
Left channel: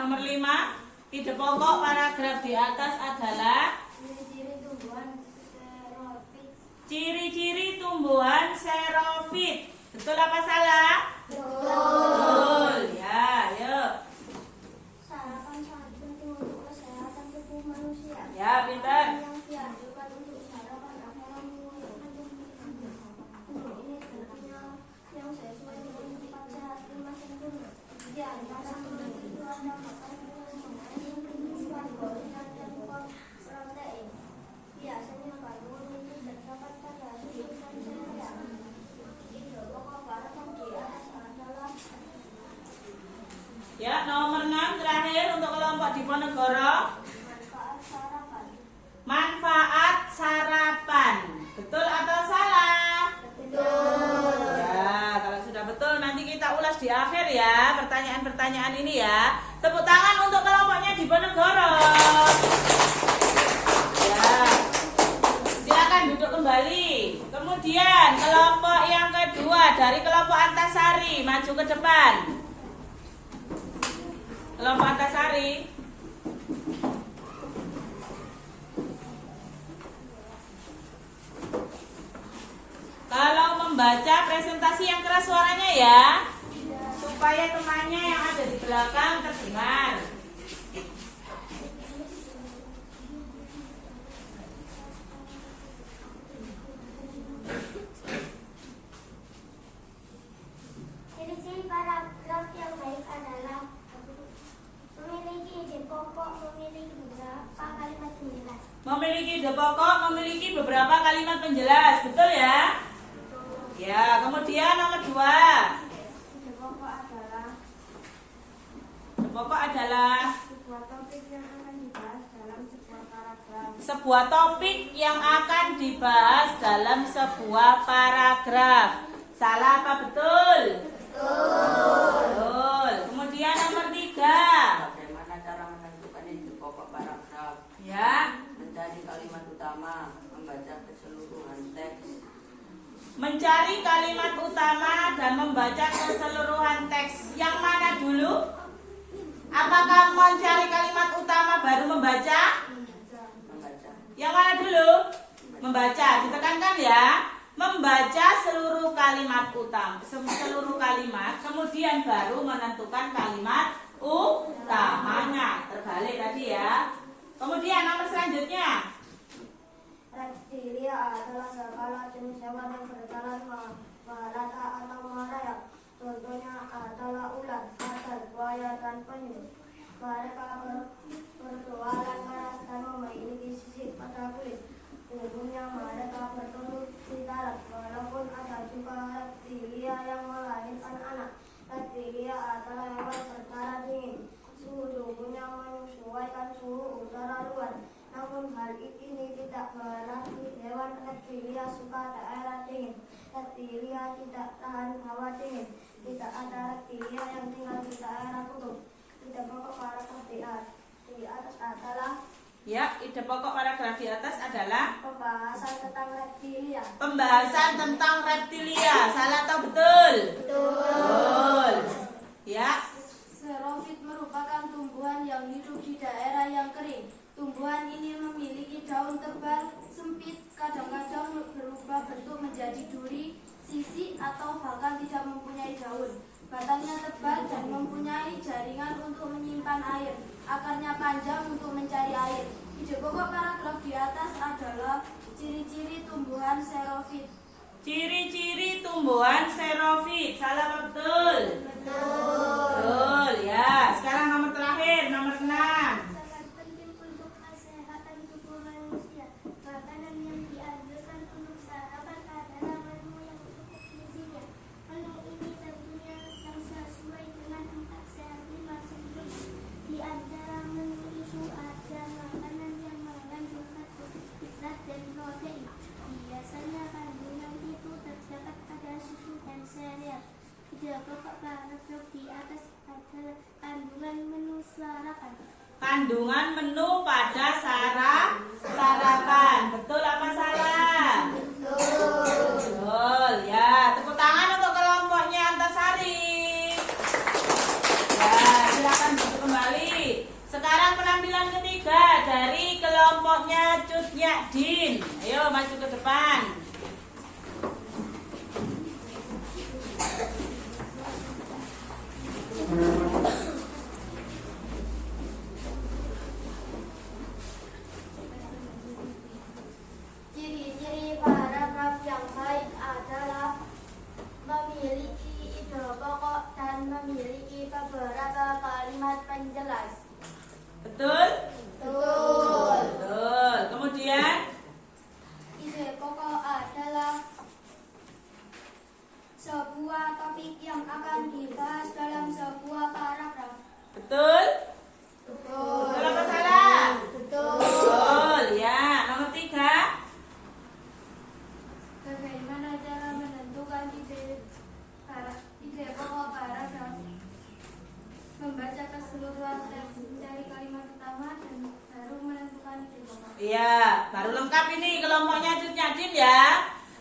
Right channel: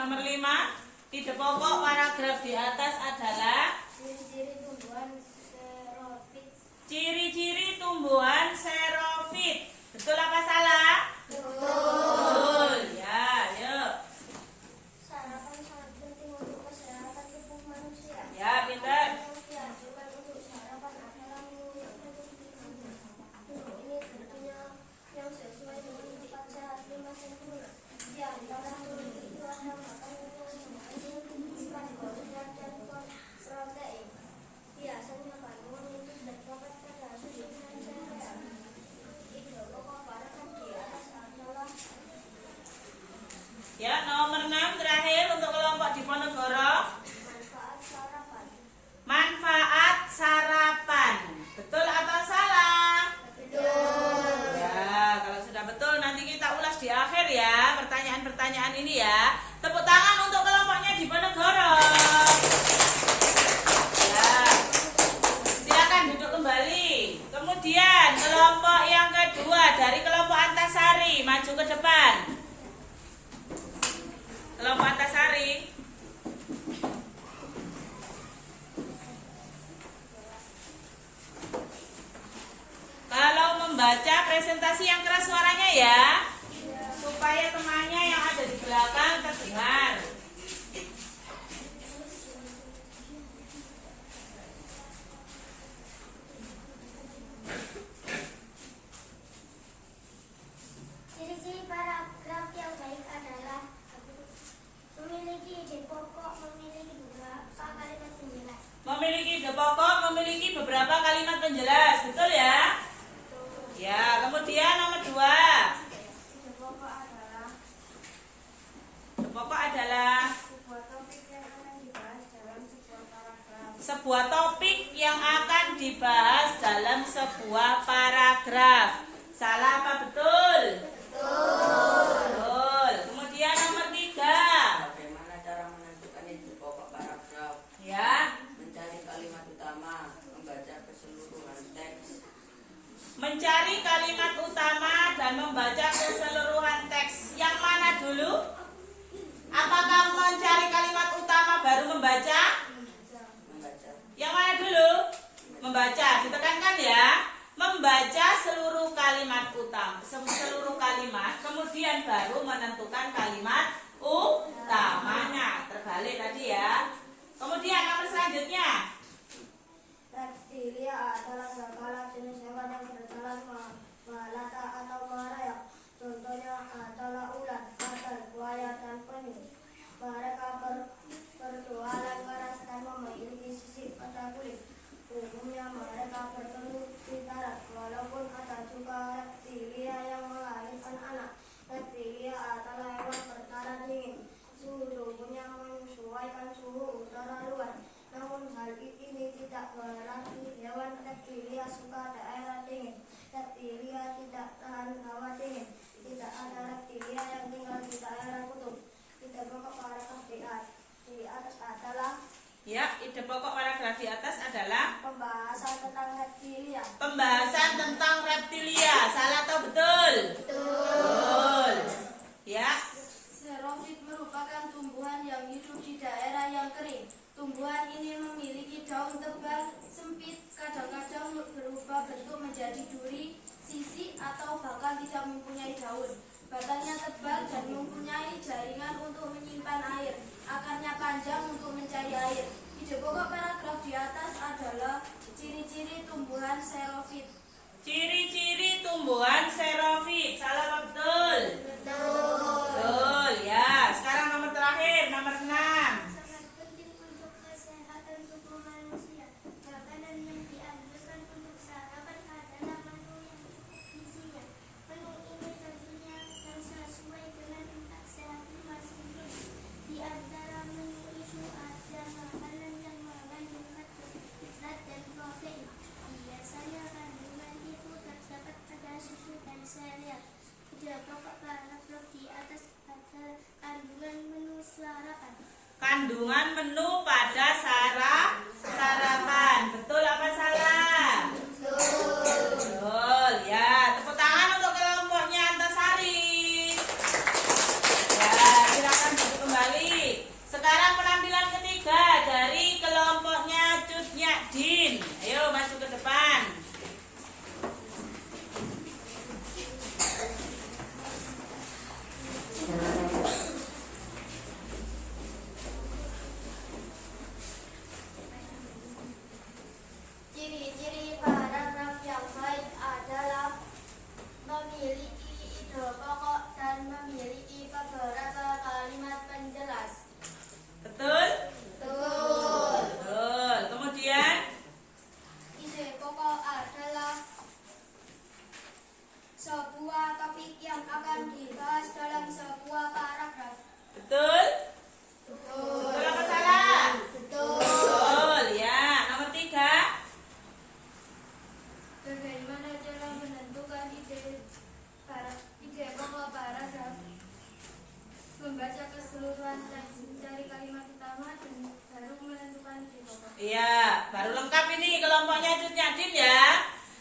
Nomor 5, ide pokok paragraf di atas adalah ciri-ciri tumbuhan xerofit. Betul apa salah? Betul. Ya, yuk. Sarapan sangat penting untuk kesehatan tubuh manusia. Ya, pintar. Yang dianjurkan untuk sarapan adalah minggu yang ini yang sesuai dengan tempat sehat di masing-masing. Di antara itu Ya, nomor 6 terakhir untuk kelompok Diponegoro. Manfaat sarapan. Manfaat sarapan. Betul atau salah? Betul. Ya, kalau sudah betul nanti kita ulas di akhir ya pertanyaan-pertanyaan ini ya. Tepuk tangan untuk kelompoknya Diponegoro. Ya. Silakan duduk kembali. Kemudian kelompok yang kedua dari kelompok Antasari maju ke depan. Kelompok Antasari. Kalau membaca presentasi yang keras suaranya ya, supaya temannya yang ada di belakang terdengar. Ciri-ciri paragraf yang baik adalah memiliki ide pokok, memiliki beberapa kalimat penjelas. Memiliki ide pokok, memiliki beberapa kalimat penjelas, betul ya? Ya, kemudian nomor 2. Ide pokok adalah Pokok adalah sebuah topik yang akan dibahas dalam sebuah paragraf. sebuah topik yang akan dibahas dalam sebuah paragraf. Salah apa betul? Betul. Kemudian nomor 3. Bagaimana cara menentukan ide pokok paragraf? Ya, Mencari kalimat utama, membaca keseluruhan teks. mencari kalimat utama dan membaca keseluruhan teks. Yang mana dulu? Apakah mencari kalimat utama baru membaca? Membaca. Yang mana dulu? Membaca. Ditekankan ya. Membaca seluruh kalimat utama, seluruh kalimat, kemudian baru menentukan kalimat utamanya. Terbalik tadi ya. Kemudian nomor selanjutnya. Reptilia adalah segala jenis hewan yang berjalan melata atau merayap. Contohnya adalah ular, kadal, buaya, dan penyu. Mereka berjualan keras dan memiliki sisik pada kulit. Umumnya mereka bertelur di darat, walaupun ada juga reptilia yang melahirkan anak. Reptilia adalah hewan berdarah dingin. Suhu tubuhnya menyesuaikan suhu udara luar. Namun hal ini tidak berarti hewan reptilia suka daerah dingin. Reptilia tidak tahan hawa dingin. Tidak ada reptilia yang tinggal di daerah kutub. Ide pokok paragraf di atas adalah Ya, ide pokok paragraf di atas adalah pembahasan tentang reptilia. pembahasan tentang reptilia. Salah atau betul? Betul. Ya, Xerofit merupakan tumbuhan yang hidup di daerah yang kering. Tumbuhan ini memiliki daun tebal, sempit, kadang-kadang berubah bentuk menjadi duri, sisi, atau bahkan tidak mempunyai daun. Batangnya tebal dan mempunyai jaringan untuk menyimpan air. Akarnya panjang untuk mencari air. Ide pokok paragraf di atas adalah ciri-ciri tumbuhan xerofit. ciri-ciri tumbuhan xerofit. Salah atau betul? Betul. Ya, sekarang nomor terakhir, nomor 6. Sangat penting untuk kesehatan tubuh manusia. Makanan yang dianjurkan untuk sarapan adalah menu yang cukup gizinya. Menu ini tentunya harus sesuai dengan 4 sehat 5 sempurna. Di antara menu itu ada makanan yang mengandung karbohidrat dan protein. Biasanya kandungan itu terdapat pada susu dan sereal. Ide pokok paragraf di atas adalah kandungan menu sarapan. Kandungan menu pada sarapan. Betul apa salah? Betul. Ya, tepuk tangan untuk kelompoknya Antasari. Ya, silakan duduk kembali. Sekarang penampilan ketiga dari kelompoknya Cut Nyadin. Ayo maju ke depan. Ciri-ciri paragraf yang baik adalah memiliki ide pokok dan memiliki beberapa kalimat penjelas. Betul? Betul. Betul. Kemudian Ide pokok keseluruhan teks mencari kalimat utama dan baru menentukan ide pokok. Iya, baru lengkap ini kelompoknya Cut Nyadin ya.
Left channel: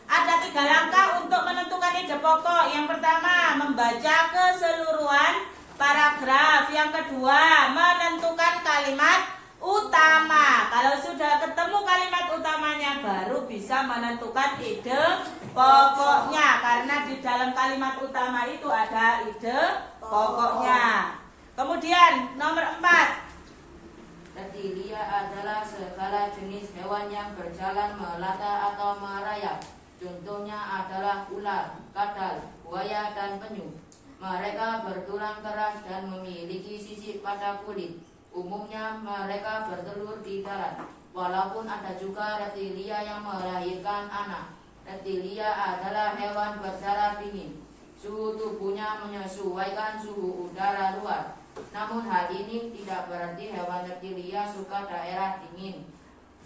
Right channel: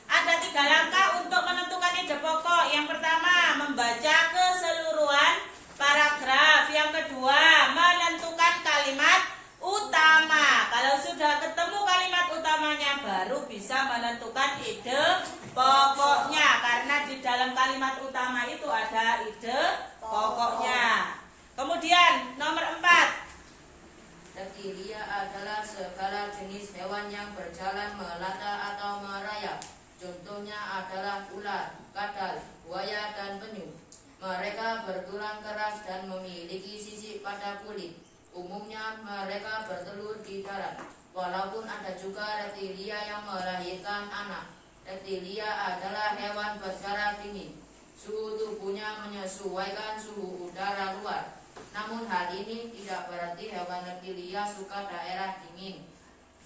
Ada 3 langkah untuk menentukan ide pokok. Yang pertama, membaca keseluruhan paragraf. Yang kedua, menentukan kalimat utama. Kalau sudah ketemu kalimat utamanya, baru bisa menentukan ide pokoknya. Karena di dalam kalimat utama itu ada ide pokoknya. Kemudian nomor 4. Reptilia adalah segala jenis hewan yang berjalan melata atau merayap. Contohnya adalah ular, kadal, buaya, dan penyu. Mereka bertulang keras dan memiliki sisik pada kulit. Umumnya mereka bertelur di darat. Walaupun ada juga reptilia yang melahirkan anak. Reptilia adalah hewan berdarah dingin. Suhu tubuhnya menyesuaikan suhu udara luar. Namun hal ini tidak berarti hewan reptilia suka daerah dingin.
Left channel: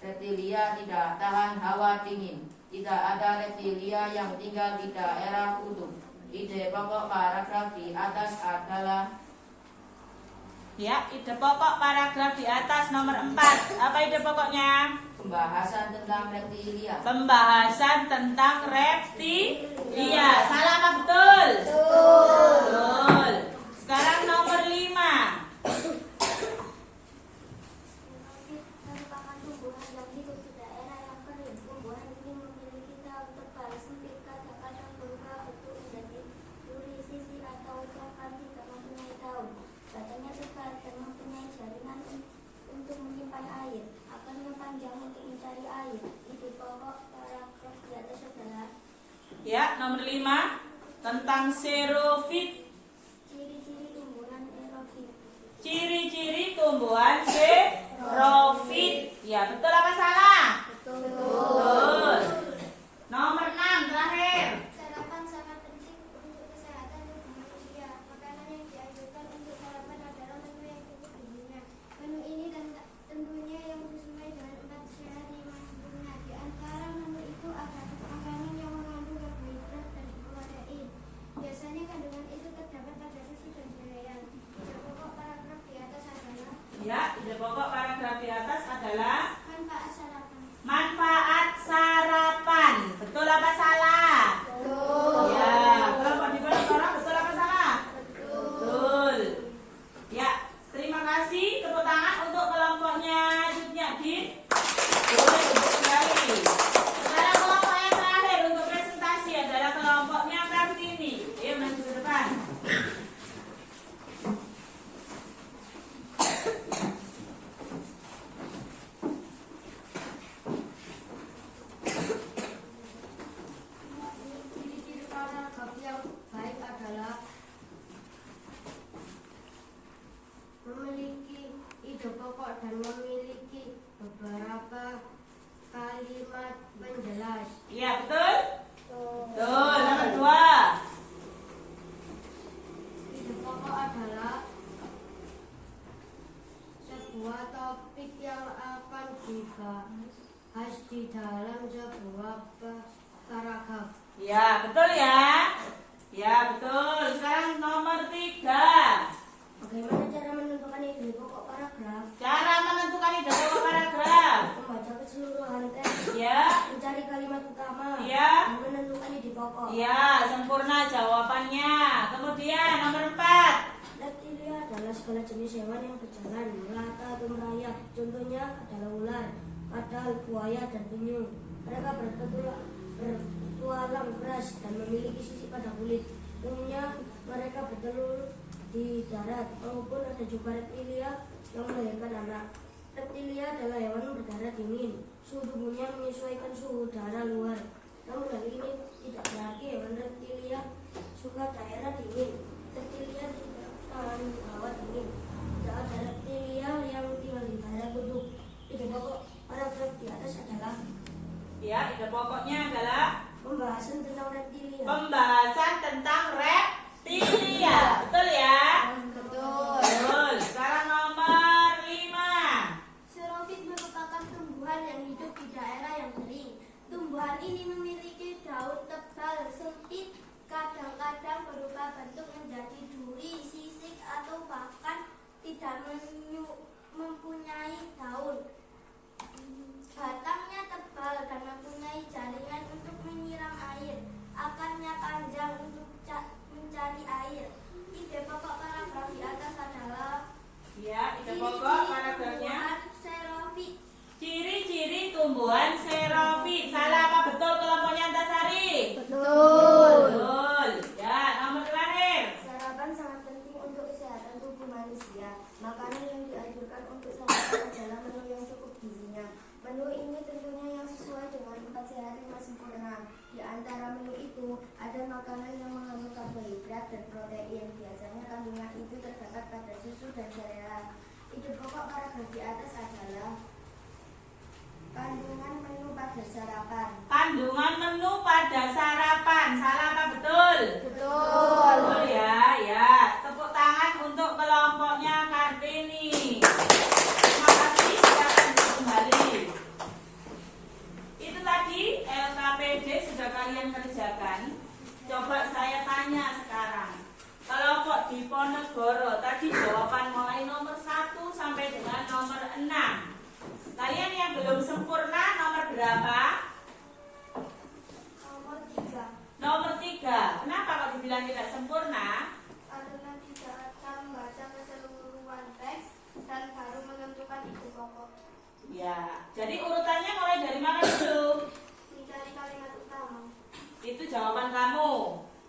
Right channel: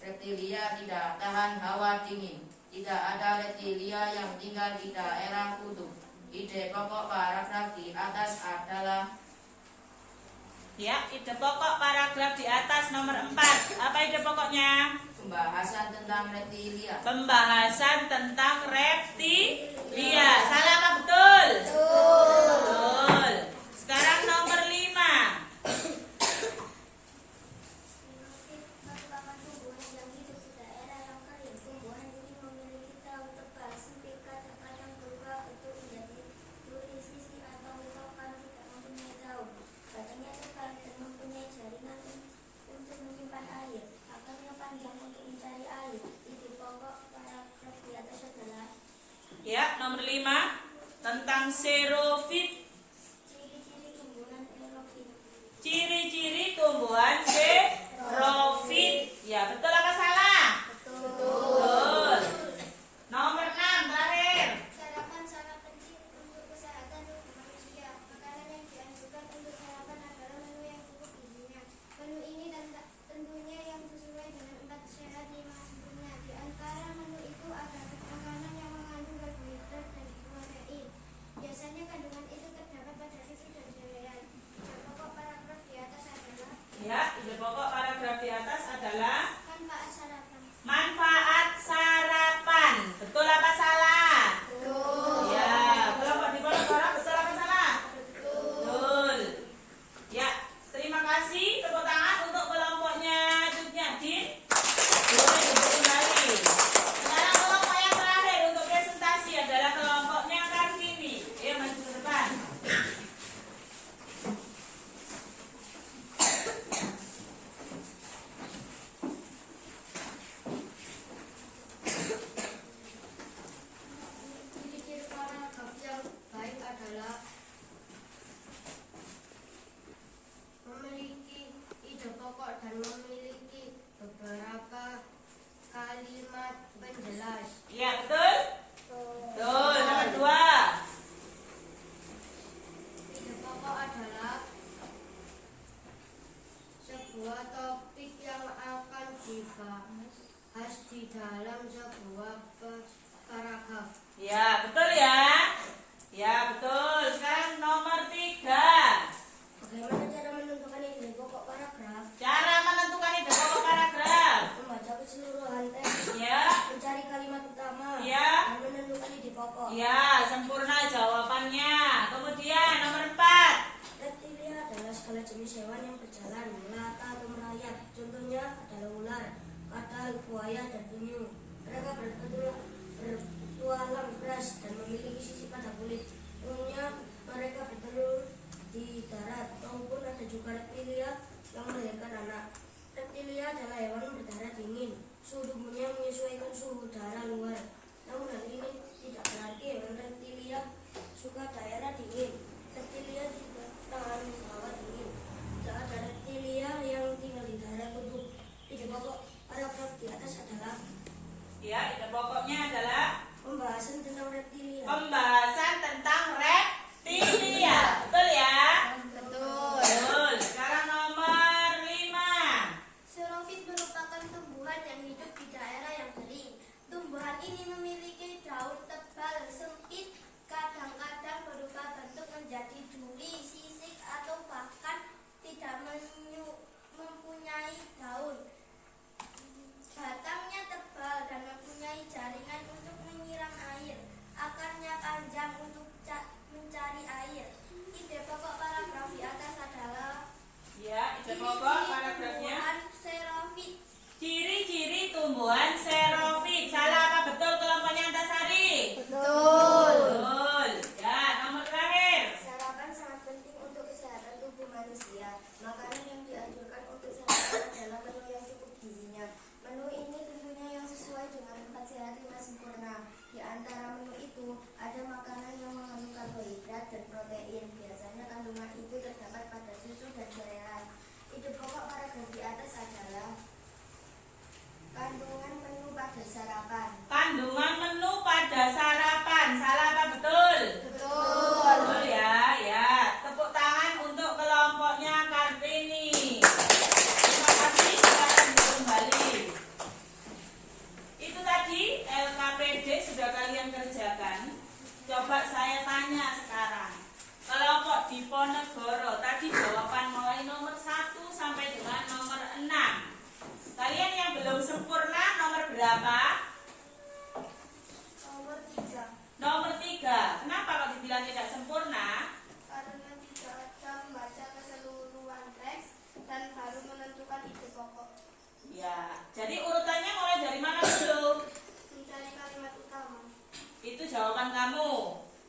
Reptilia tidak tahan hawa dingin. Tidak ada reptilia yang tinggal di daerah kutub. Ide pokok paragraf di atas adalah Ya, ide pokok paragraf di atas nomor 4. Apa ide pokoknya? pembahasan tentang reptilia. Pembahasan tentang reptilia. Salah apa betul? Betul. Sekarang nomor 5. Merupakan tumbuhan yang hidup di daerah yang kering. Tumbuhan ini memiliki daun tebal, sempit, kadang-kadang berubah bentuk menjadi duri, sisi, atau coklat tidak mempunyai daun. Batangnya tebal dan mempunyai jaringan untuk menyimpan air. Akarnya panjang untuk mencari air. Ide pokok paragraf di atas adalah Ya, nomor 5 tentang xerofit. ciri-ciri tumbuhan aerofit. Ciri-ciri tumbuhan xerofit. Ya, betul apa salah? Betul. Nomor 6 terakhir. Sarapan sangat penting untuk kesehatan manusia. Makanan yang dianjurkan untuk sarapan adalah menu yang cukup gizinya. Menu ini tentunya yang sesuai dengan 4 syarat di masuknya. Di antara menu itu ada makanan yang mengandung karbohidrat dan protein. Biasanya kandungan itu terdapat pada sisi dan cairan. Pokok paragraf di atas adalah Ya, ide pokok paragraf di atas adalah manfaat sarapan. manfaat sarapan. Betul apa salah? Ya, kelompok di bawah sekarang betul apa salah? Betul. Ya, terima kasih. Tepuk tangan untuk kelompoknya Cut Nyadin. Boleh duduk kembali. Sekarang kelompok yang terakhir untuk presentasi adalah kelompoknya Kartini. Ayo maju ke depan. Ciri-ciri paragraf yang baik adalah memiliki ide pokok dan memiliki beberapa kalimat penjelas. Iya, betul? Betul. Nomor 2. Ide pokok adalah sebuah topik yang akan dibahas di dalam sebuah paragraf. Ya, betul ya. Ya, betul. Sekarang nomor 3. Bagaimana cara menentukan ide pokok paragraf? Cara menentukan ide pokok paragraf. Membaca keseluruhan teks, Ya, mencari kalimat utama, ya, dan menentukan ide pokok. ya, sempurna jawabannya. Kemudian nomor 4. Reptilia adalah segala jenis hewan yang berjalan, melata atau merayap. Contohnya adalah ular, kadal, buaya, dan penyu. Mereka bertualang keras dan memiliki sisik pada kulit. Umumnya mereka bertelur di darat, maupun ada juga reptilia yang melahirkan anak. Reptilia adalah hewan berdarah dingin. Suhu tubuhnya menyesuaikan suhu udara luar. Namun hal ini tidak berarti hewan reptilia suka daerah dingin. Reptilia tidak tahan hawa dingin. Tidak ada reptilia yang tinggal di daerah kutub. Ide pokok paragraf di atas adalah Ya, ide pokoknya adalah pembahasan tentang reptilia. pembahasan tentang reptilia. Betul ya? Betul. Betul. Sekarang nomor 5. Xerofit merupakan tumbuhan yang hidup di daerah yang kering. Tumbuhan ini memiliki daun tebal, sempit, kadang-kadang berubah bentuk menjadi duri, sisik, atau paragraf di atas adalah kandungan menu pada sarapan. Kandungan menu pada sarapan. Salah apa betul? Betul. Betul ya, ya. Tepuk tangan untuk kelompoknya Kartini. Terima kasih, silakan kembali. Itu tadi LKPD sudah kalian kerjakan. Coba saya tanya sekarang. Kelompok Diponegoro tadi jawaban mulai nomor 1 sampai dengan nomor 6. Kalian yang belum sempurna nomor berapa? Nomor 3. Nomor 3. Kenapa kok dibilang tidak sempurna? Karena tidak ada membaca keseluruhan teks dan baru menentukan ide pokok. Ya, jadi urutannya mulai dari mana dulu? Mencari kalimat utama. Itu jawaban kamu.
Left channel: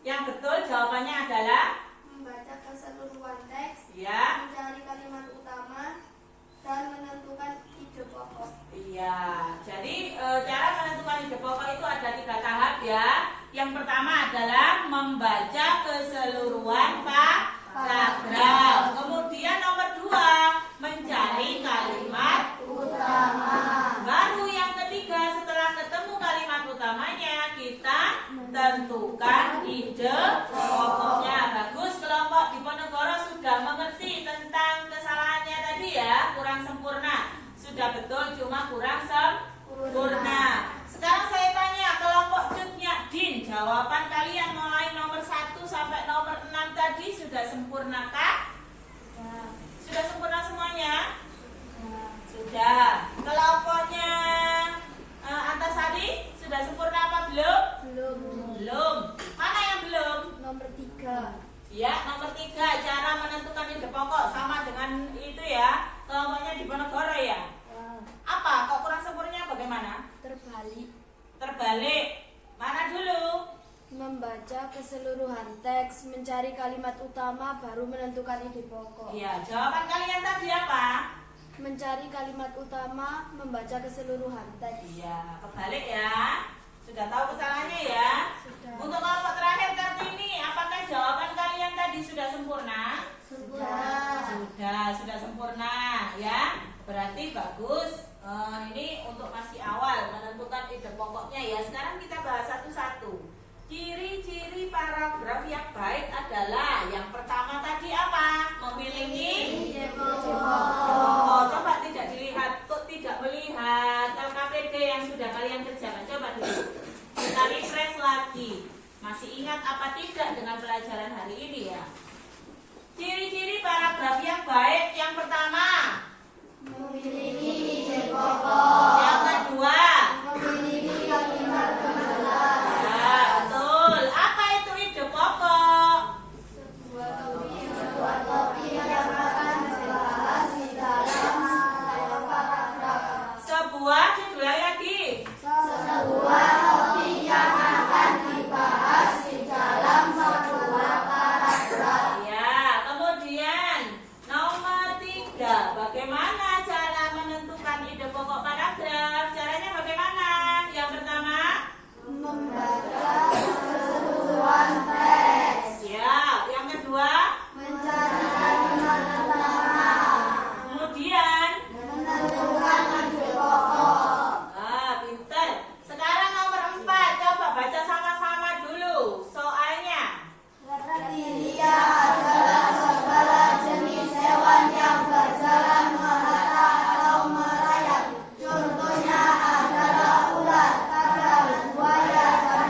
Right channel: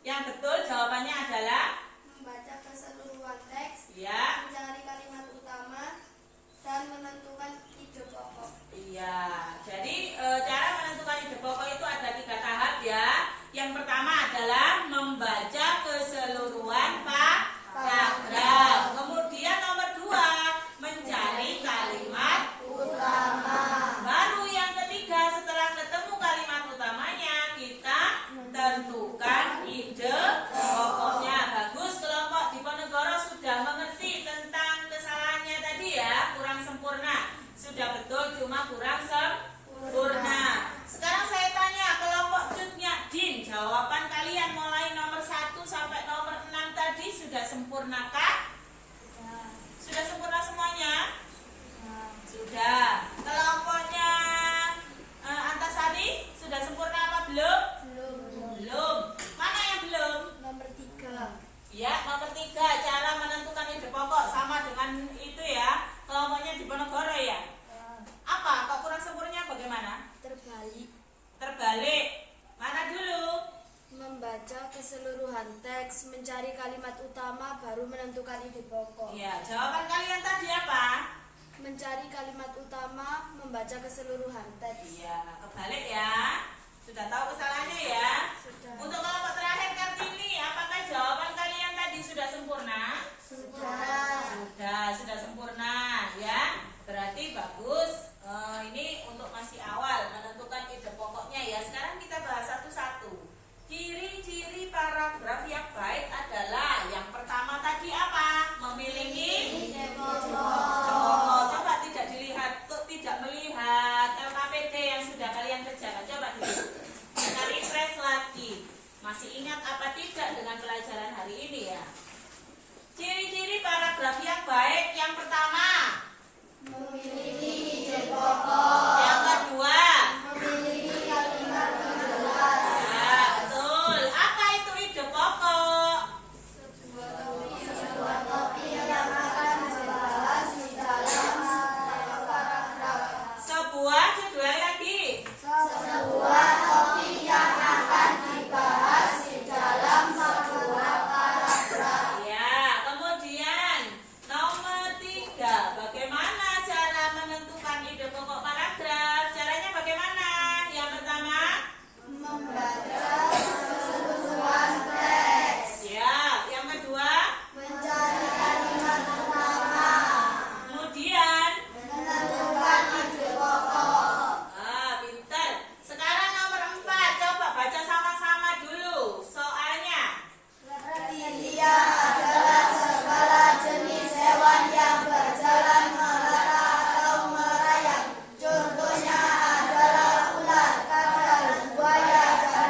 Yang betul jawabannya adalah Membaca keseluruhan teks, ya. mencari kalimat utama, dan menentukan ide pokok. Iya. Jadi cara menentukan ide pokok itu ada 3 tahap ya. Yang pertama adalah membaca keseluruhan paragraf. Kemudian nomor 2 mencari kalimat Utama. baru yang ketiga, setelah ketemu kalimat utamanya, kita tentukan ide pokoknya. Bagus, kelompok Diponegoro sudah mengerti tentang kesalahannya tadi ya, kurang sempurna. Sudah betul, cuma kurang sempurna. Sekarang saya tanya kelompok Cutnyadin, jawaban kalian mulai nomor 1 sampai nomor 6 tadi sudah sempurnakah? Sudah sempurna semuanya? Sudah. Kelompoknya Antasari sudah sempurna apa belum? Belum. Belum. Mana yang belum? Nomor 3. Ya, nomor 3 cara menentukan ide pokok sama dengan itu ya. Kelompoknya Diponegoro ya. Apa? Kok kurang sempurna bagaimana? Terbalik. Terbalik. Mana dulu? Membaca keseluruhan teks, mencari kalimat utama, baru menentukan ide pokok. Iya, jawaban kalian tadi apa? Mencari kalimat utama, membaca keseluruhan teks. Iya, kebalik ya. Sudah tahu kesalahannya ya? Sudah. Untuk kelompok terakhir Kartini, apakah jawaban kalian tadi sudah sempurna? Sudah sempurna ya. Berarti bagus. Ini untuk masih awal menentukan ide pokoknya ya. Sekarang kita bahas satu-satu. Ciri-ciri paragraf yang baik adalah yang pertama tadi apa? Memiliki Ide pokok. oh, coba tidak dilihat, kok tidak melihat LKPD yang sudah kalian kerjakan. Coba dulu kita refresh lagi. Masih ingat apa tidak dengan pelajaran hari ini ya? Ciri-ciri paragraf yang baik yang pertama, Memiliki ide pokok. yang kedua, Memiliki kalimat penjelas. ya betul. Apa itu ide pokok? Sebuah topik yang akan dibahas di dalam paragraf. Sebuah judul lagi. Sebuah topik yang akan dibahas di dalam sebuah paragraf. Ya, kemudian nomor 3, bagaimana cara menentukan ide pokok paragraf? Caranya bagaimana? Yang pertama, Membaca keseluruhan teks. ya. Yang kedua, Mencari kalimat utama. kemudian, Menentukan ide pokok. pinter. Sekarang nomor 4, coba baca sama-sama dulu soalnya. Reptilia adalah segala jenis hewan yang berjalan melata atau merayap. Contohnya adalah ular, kadal, buaya, dan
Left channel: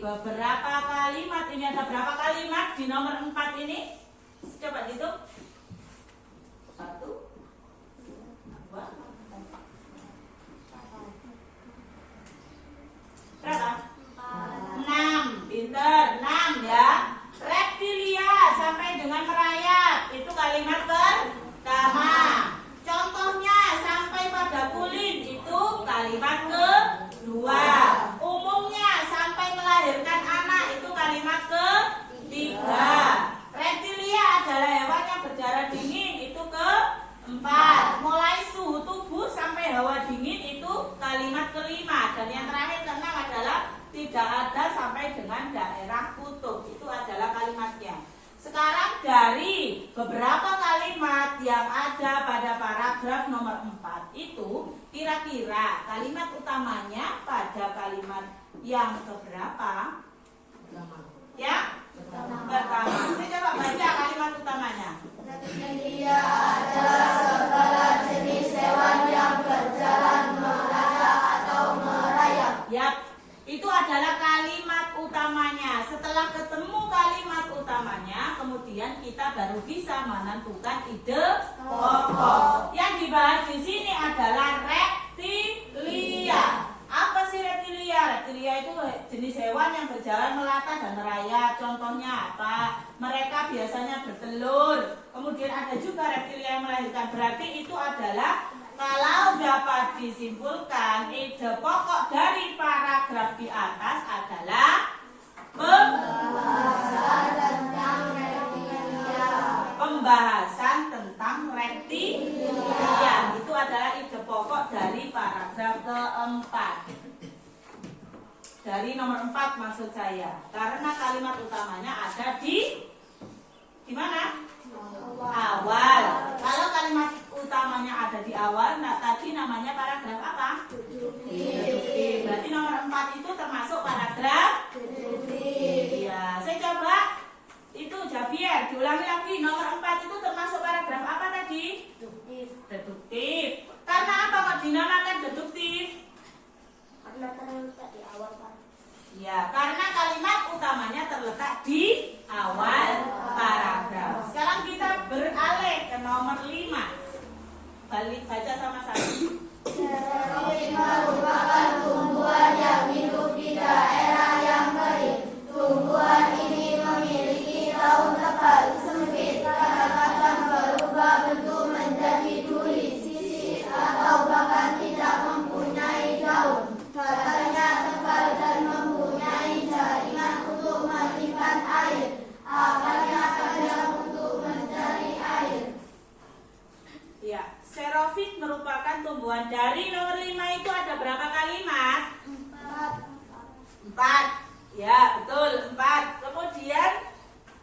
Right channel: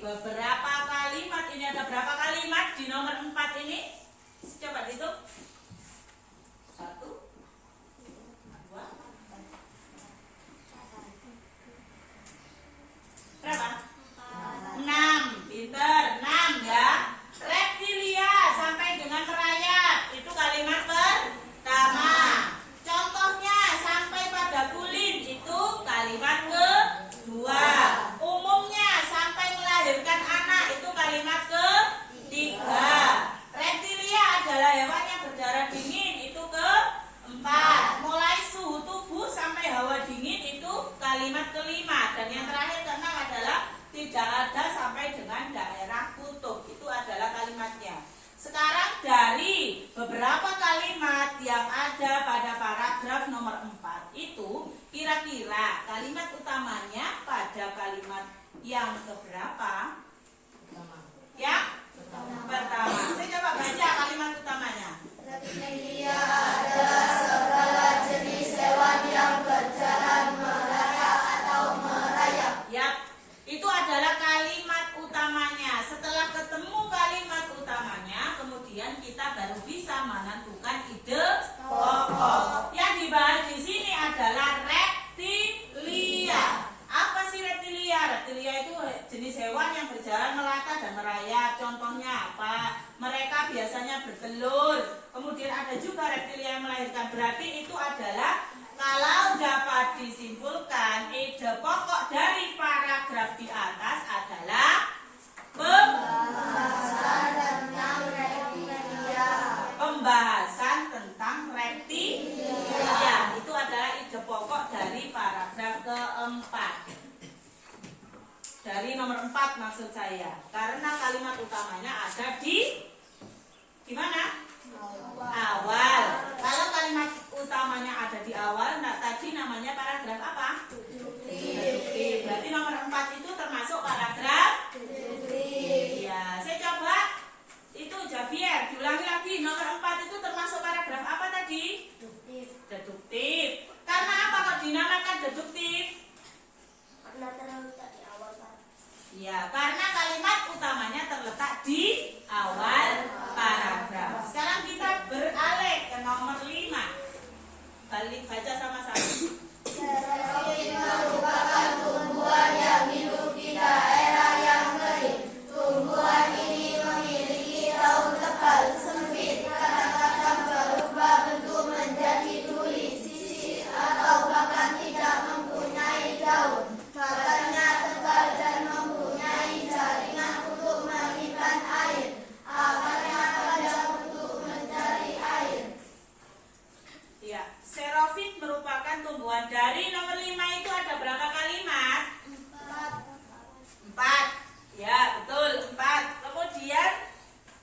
beberapa kalimat. Ini ada berapa kalimat di nomor 4 ini? Coba hitung. 1, 2, berapa? 6. Pinter, 6 ya. Reptilia sampai dengan merayap, itu kalimat pertama. Contohnya sampai pada kulin, itu kalimat kedua. Umumnya sampai melahirkan anak, itu kalimat ketiga. Reptilia adalah hewan yang berdarah dingin, itu keempat. Mulai suhu tubuh sampai hawa dingin, itu kalimat kelima. Dan yang terakhir keenam adalah tidak ada sampai dengan daerah kutub, itu adalah kalimatnya. Sekarang dari beberapa kalimat yang ada pada paragraf nomor 4 itu, kira-kira kalimat utamanya pada kalimat yang keberapa? Yang pertama. Saya coba baca kalimat utamanya. Reptilia adalah segala jenis hewan yang berjalan, melata atau merayap. Yap, itu adalah kalimat utamanya. Setelah ketemu kalimat utamanya, kemudian kita baru bisa menentukan ide pokok. Yang dibahas di sini adalah reptilia. Apa sih reptilia? Reptilia itu jenis hewan yang berjalan melata dan merayap. Contohnya apa? Mereka biasanya bertelur. Kemudian ada juga reptilia yang melahirkan. Berarti itu adalah, kalau dapat disimpulkan, ide pokok dari paragraf di atas adalah pembahasan tentang reptilia. Itu adalah ide pokok dari paragraf keempat. Dari nomor 4 maksud saya. Karena kalimat utamanya ada di mana? Awal. Kalau kalimat utamanya ada di awal, nah tadi namanya paragraf apa? Deduktif. Berarti nomor 4 itu termasuk paragraf deduktif. Ya, saya coba itu Javier, diulangi lagi. Nomor 4 itu termasuk paragraf apa tadi? Deduktif. Karena apa kok dinamakan deduktif? Karena terletak di awal, Pak. Ya, karena kalimat utamanya terletak di awal paragraf. Sekarang kita beralih ke nomor 5. Balik baca sama-sama. Xerophit merupakan tumbuhan yang hidup di daerah yang kering. Tumbuhan ini memiliki daun tebal, sempit, kadang-kadang berubah bentuk menjadi duri, sisik, atau bahkan tidak mempunyai daun. Batangnya tebal dan mempunyai jaringan untuk mengikat air. Akarnya panjang untuk mencari air. Ya, xerophit merupakan tumbuhan. Dari nomor 5 itu ada berapa kalimat? 4. Ya, betul, 4. Kemudian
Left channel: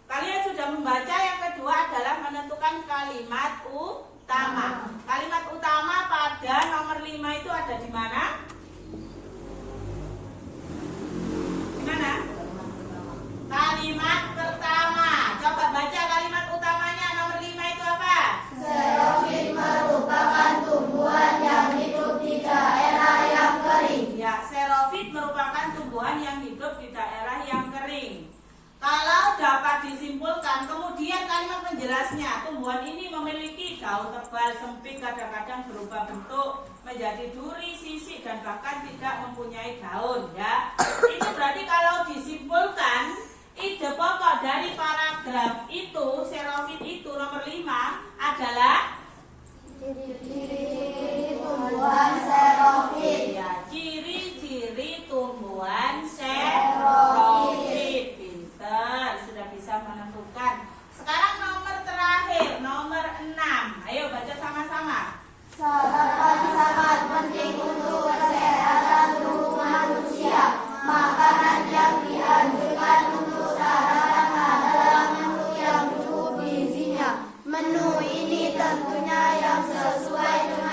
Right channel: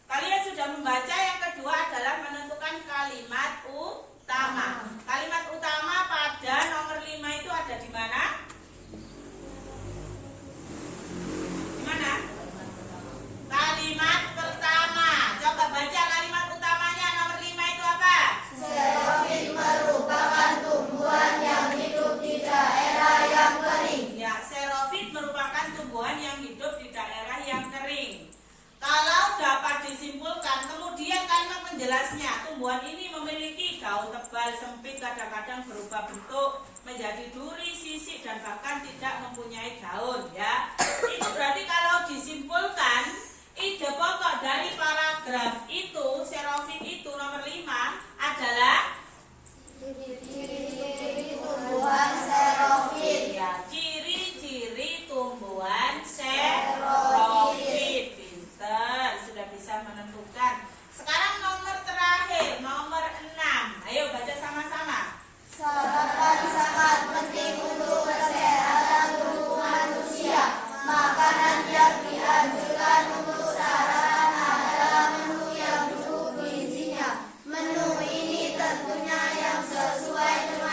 kalian sudah membaca. Yang kedua adalah menentukan kalimat utama. Kalimat utama pada nomor 5 itu ada di mana? Di mana? Kalimat pertama. Coba baca kalimat utamanya nomor 5 itu apa? Xerophit merupakan tumbuhan yang hidup di daerah yang kering. Ya, xerophit merupakan tumbuhan yang hidup di daerah yang kering. Kalau dapat disimpulkan, kemudian kalimat penjelasnya, tumbuhan ini memiliki daun tebal, sempit, kadang-kadang berubah bentuk menjadi duri, sisik, dan bahkan tidak mempunyai daun. Ya, itu berarti kalau disimpulkan, ide pokok dari paragraf itu, xerophit itu nomor 5 adalah Ciri-ciri tumbuhan xerophit. ya, ciri-ciri tumbuhan xerophit. Pinter, sudah bisa menentukan. Sekarang nomor terakhir, nomor 6. Ayo baca sama-sama. Sarapan sangat penting untuk kesehatan tubuh manusia. Makanan yang dianjurkan untuk sarapan adalah menu yang cukup gizinya. Menu ini tentunya yang sesuai dengan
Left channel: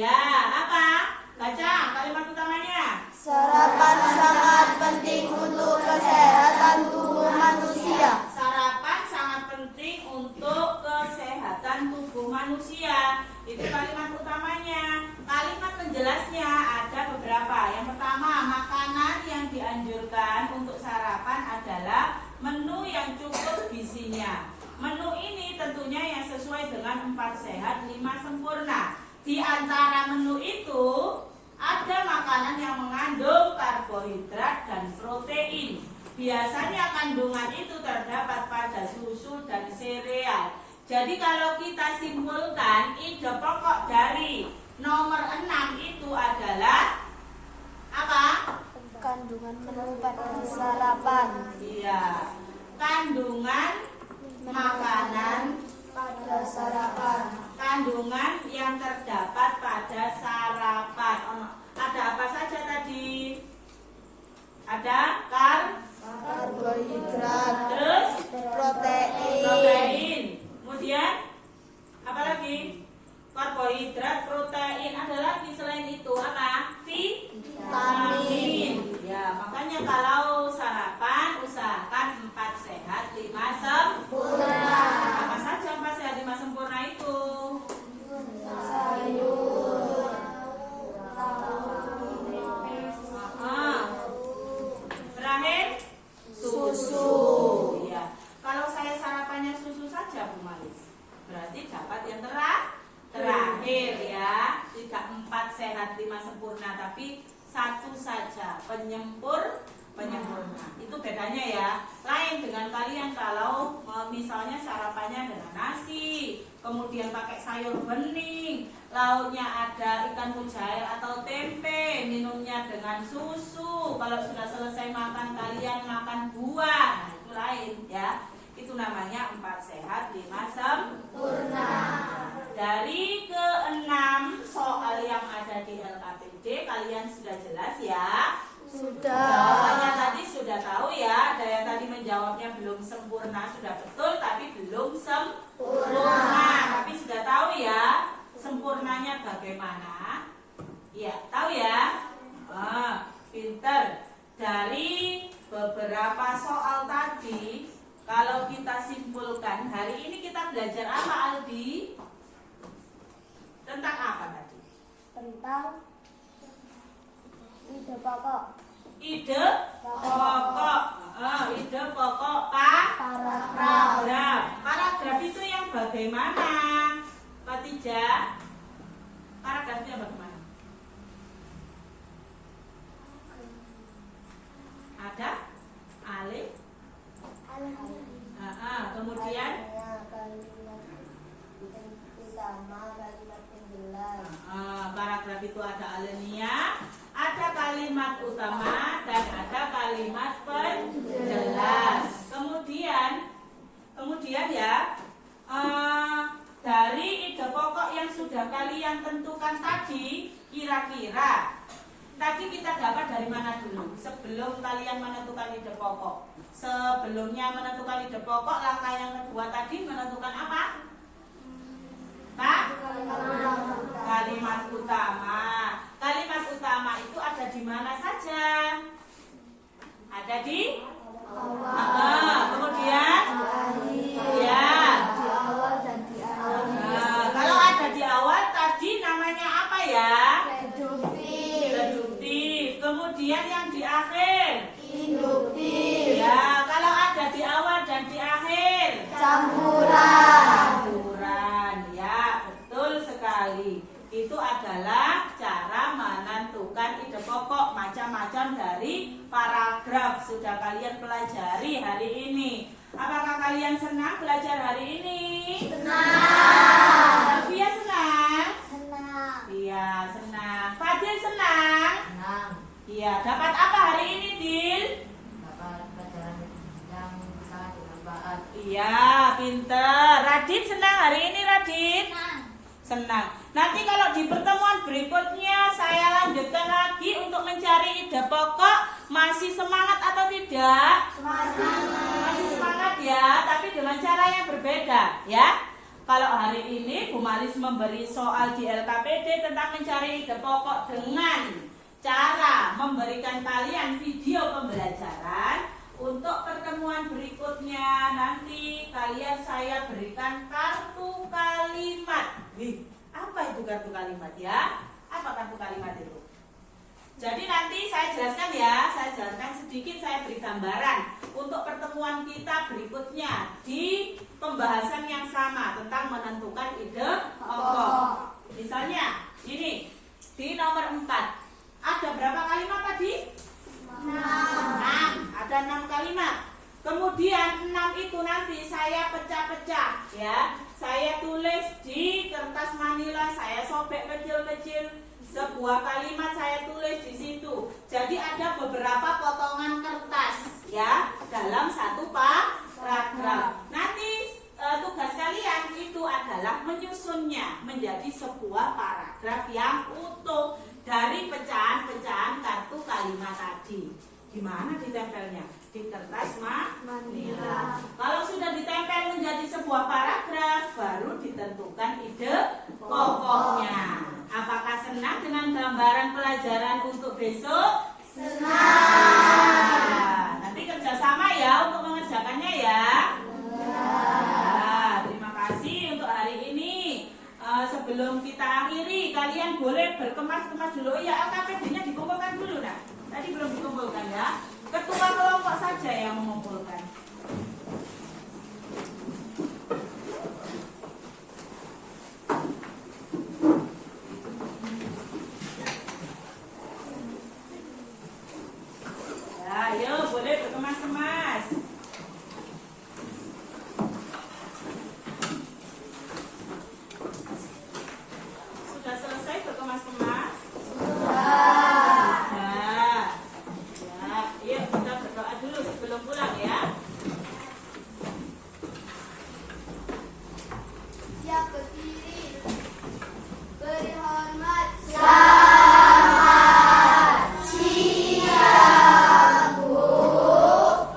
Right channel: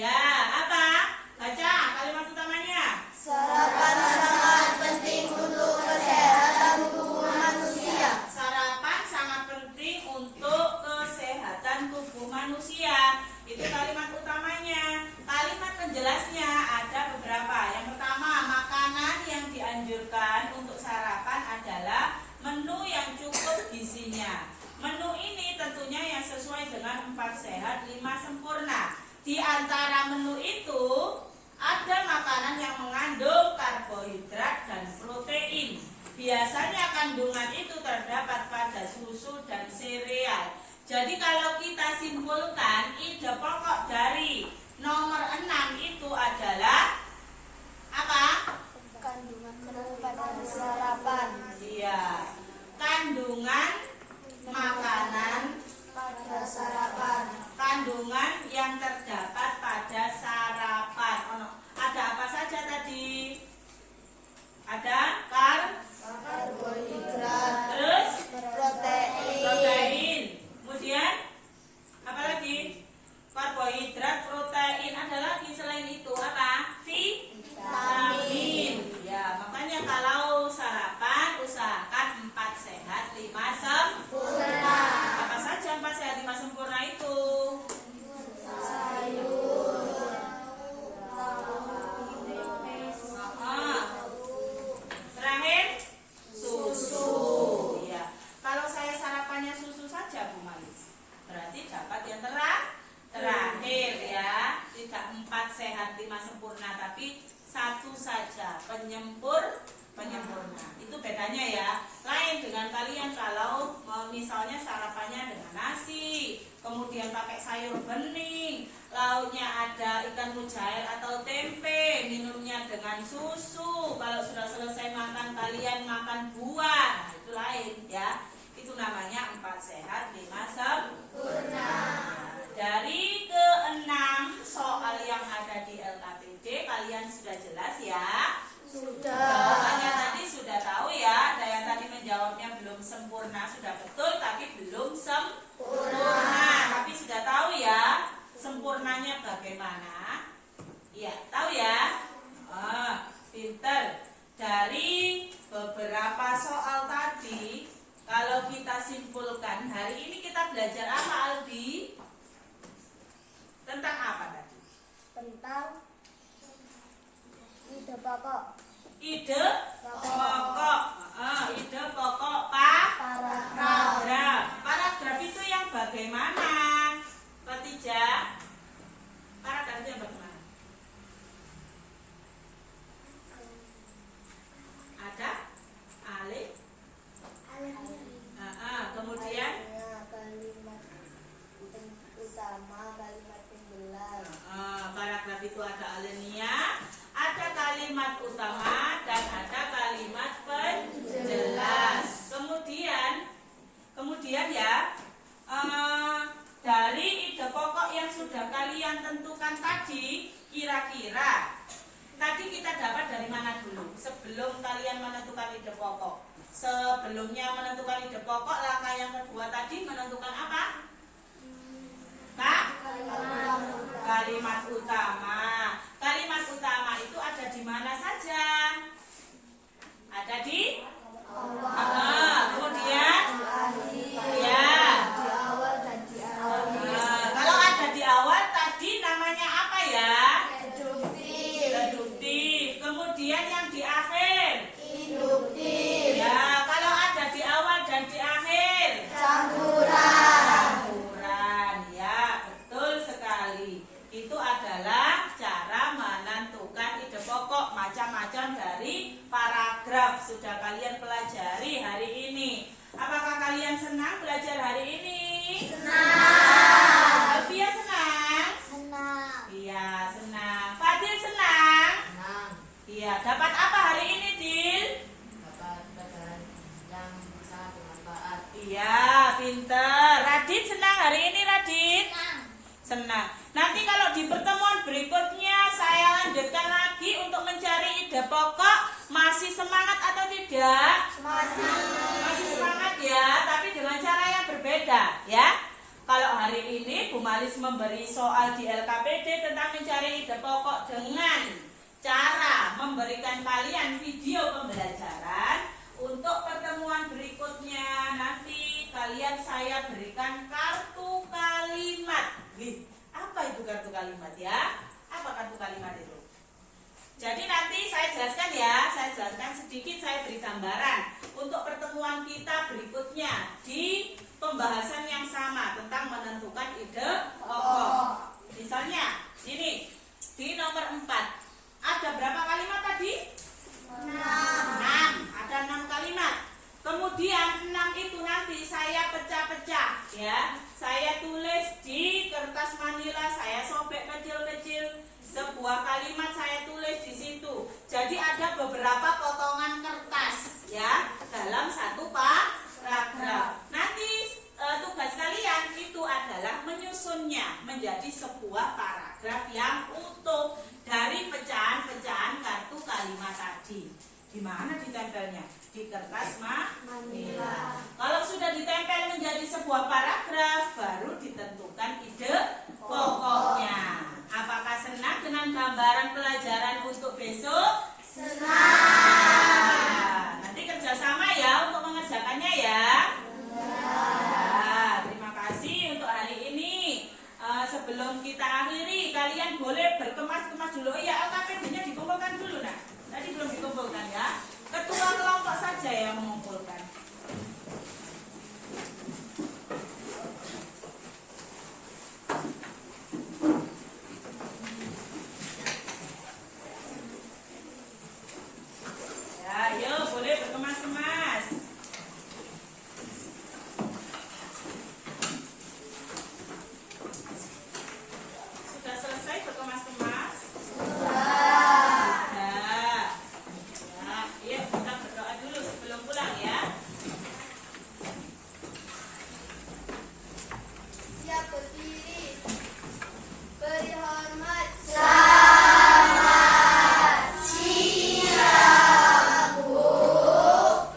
Ya, apa? Baca kalimat utamanya. Sarapan sangat penting untuk kesehatan tubuh manusia. Sarapan sangat penting untuk kesehatan tubuh manusia. Itu kalimat utamanya. Kalimat penjelasnya ada beberapa. Yang pertama, makanan yang dianjurkan untuk sarapan adalah menu yang cukup gizinya. Menu ini tentunya yang sesuai dengan 4 sehat 5 sempurna. Di antara menu itu ada makanan yang mengandung karbohidrat dan protein. Biasanya kandungan itu terdapat pada susu dan sereal. Jadi kalau kita simpulkan, ide pokok dari nomor 6 itu adalah apa? Kandungan menu pada sarapan. Iya, kandungan makanan Pada sarapan. kandungan yang terdapat pada sarapan. Ada apa saja tadi? Ada Karbohidrat. terus Protein. protein. Kemudian apa lagi? Karbohidrat, protein. Ada lagi selain itu apa? Vitamin. Ya, makanya kalau sarapan usahakan 4 sehat 5 sempurna. Apa saja 4 sehat 5 sempurna itu? Sayur. Terakhir susu. Ya. Kalau saya sarapannya susu saja Bu Malis, berarti dapat yang terakhir ya. Tidak 4 sehat 5 sempurna, tapi 1 saja penyempurna. Itu bedanya ya. Lain dengan kalian kalau misalnya sarapannya dengan nasi, kemudian pakai sayur bening, lauknya ada ikan mujair atau tempe, minumnya dengan susu. Kalau sudah selesai makan kalian makan buah. Nah, itu lain ya. Itu namanya 4 sehat 5 sempurna. Dari ke-6 soal yang ada di LKPD kalian sudah jelas ya? Jawabannya tadi sudah tahu ya. Ada yang tadi menjawabnya belum sempurna, sudah betul tapi belum sempurna. Tapi sudah tahu ya sempurnanya bagaimana? Ya, tahu ya? Pinter. Dari beberapa soal tadi, kalau kita simpulkan, hari ini kita belajar apa, Albi? Tentang apa tadi? Tentang ide pokok. Ide pokok. Ide pokok paragraf. Paragraf itu yang bagaimana? Fatija? Paragraf itu yang bagaimana? Ada? Alif? Kemudian? Kalimat utama, kalimat penjelas. Paragraf itu ada alinea, ada kalimat utama dan ada kalimat penjelas. Kemudian ya, dari ide pokok yang sudah kalian tentukan tadi, kira-kira tadi kita dapat dari mana dulu? Sebelum kalian menentukan ide pokok, sebelumnya menentukan ide pokok, langkah yang kedua tadi menentukan apa? Pak? Kalimat utama. Kalimat utama itu ada di mana saja? Ada di? Kemudian? Ya. Di awal dan di akhir. Kalau ada di awal tadi namanya apa ya? Reduktif. Reduktif. Kemudian yang di akhir? Induktif. Ya. Kalau ada di awal dan di akhir? Campuran. Campuran. Ya, betul sekali. Itu adalah cara menentukan ide pokok macam-macam dari paragraf. Sudah kalian pelajari hari ini. Apakah kalian senang belajar hari ini? Senang. Alfia senang? Senang. Iya, senang. Fadil senang? Senang. Iya, dapat apa hari ini, Dil? Dapat pelajaran yang sangat bermanfaat. Iya, pinter. Radit senang hari ini, Radit? Senang. Nanti kalau di pertemuan berikutnya saya lanjutkan lagi untuk mencari ide pokok. Masih semangat atau tidak? Masih. Masih semangat ya, tapi dengan cara yang berbeda ya. Kalau hari ini Bu Malis memberi soal di LKPD tentang mencari ide pokok dengan cara memberikan kalian video pembelajaran. Untuk pertemuan berikutnya nanti kalian saya berikan kartu kalimat. Apa itu kartu kalimat ya? Apa kartu kalimat itu? Jadi nanti saya jelaskan ya, saya jelaskan sedikit, saya beri gambaran untuk pertemuan kita berikutnya di pembahasan yang sama tentang menentukan ide pokok. Misalnya ini di nomor 4 ada berapa kalimat tadi? 6. Ada 6 kalimat. Kemudian 6 itu nanti saya pecah-pecah ya. Saya tulis di kertas manila, saya sobek kecil-kecil. Sebuah kalimat saya tulis di situ. Jadi ada beberapa potongan kertas ya dalam satu paragraf. Nanti tugas kalian itu adalah menyusunnya menjadi sebuah paragraf yang utuh dari pecahan-pecahan kartu kalimat tadi. Di mana ditempelnya? Di kertas manila. Kalau sudah ditempel menjadi sebuah paragraf, baru ditentukan ide pokoknya. Apakah senang dengan gambaran pelajaran untuk besok? Senang. Nanti kerjasama ya untuk mengerjakannya ya. Terima kasih untuk hari ini. Sebelum kita akhiri, kalian boleh berkemas-kemas dulu. Ya, LKPD-nya dikumpulkan dulu nah. Tadi belum dikumpulkan ya. Ketua kelompok saja yang mengumpulkan. Ya, ayo boleh berkemas-kemas. Sudah selesai berkemas-kemas? Siap berdiri. Beri hormat.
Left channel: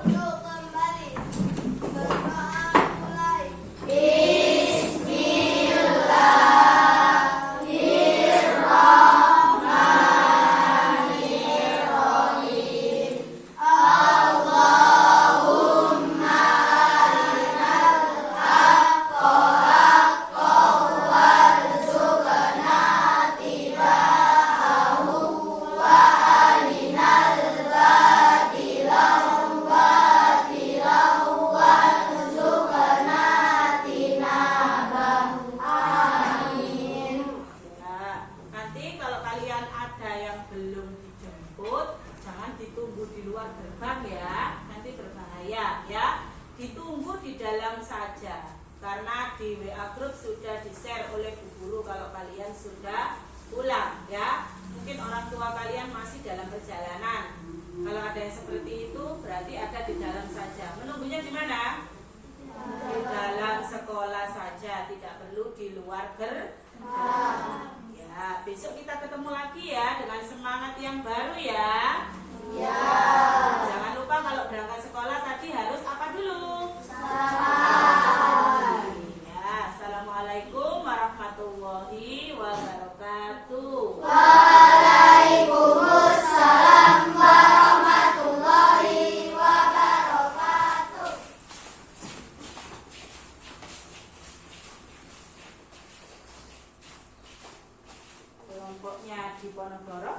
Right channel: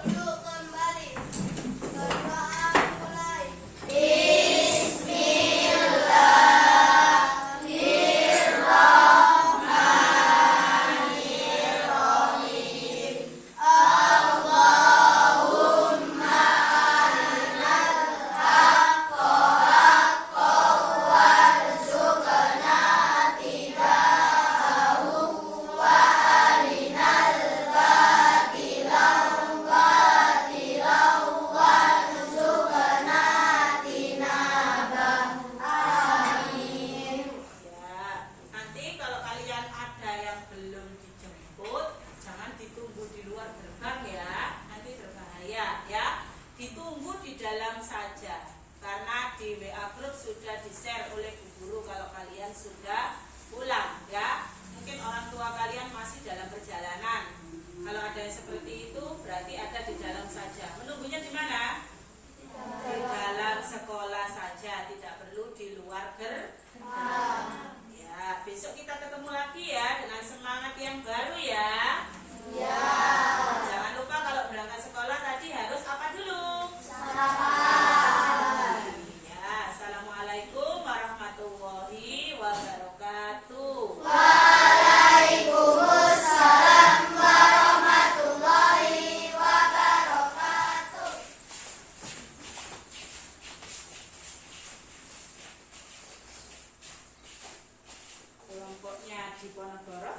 Duduk kembali. Berdoa mulai. Nanti kalau kalian ada yang belum dijemput, jangan ditunggu di luar gerbang ya, nanti berbahaya ya. Ditunggu di dalam saja, karena di WA group sudah di-share oleh Bu Guru kalau kalian sudah pulang ya. Mungkin orang tua kalian masih dalam perjalanan. Kalau ada yang seperti itu, berarti ada di dalam saja. Menunggunya di mana? Di dalam sekolah saja, tidak perlu di luar gerbang. Ya, besok kita ketemu lagi ya dengan semangat yang baru ya. Ya. Jangan lupa kalau berangkat sekolah tadi harus apa dulu? Salam. Ya, assalamualaikum warahmatullahi wabarakatuh. Waalaikumsalam warahmatullahi wabarakatuh. Kelompoknya di Ponorogo.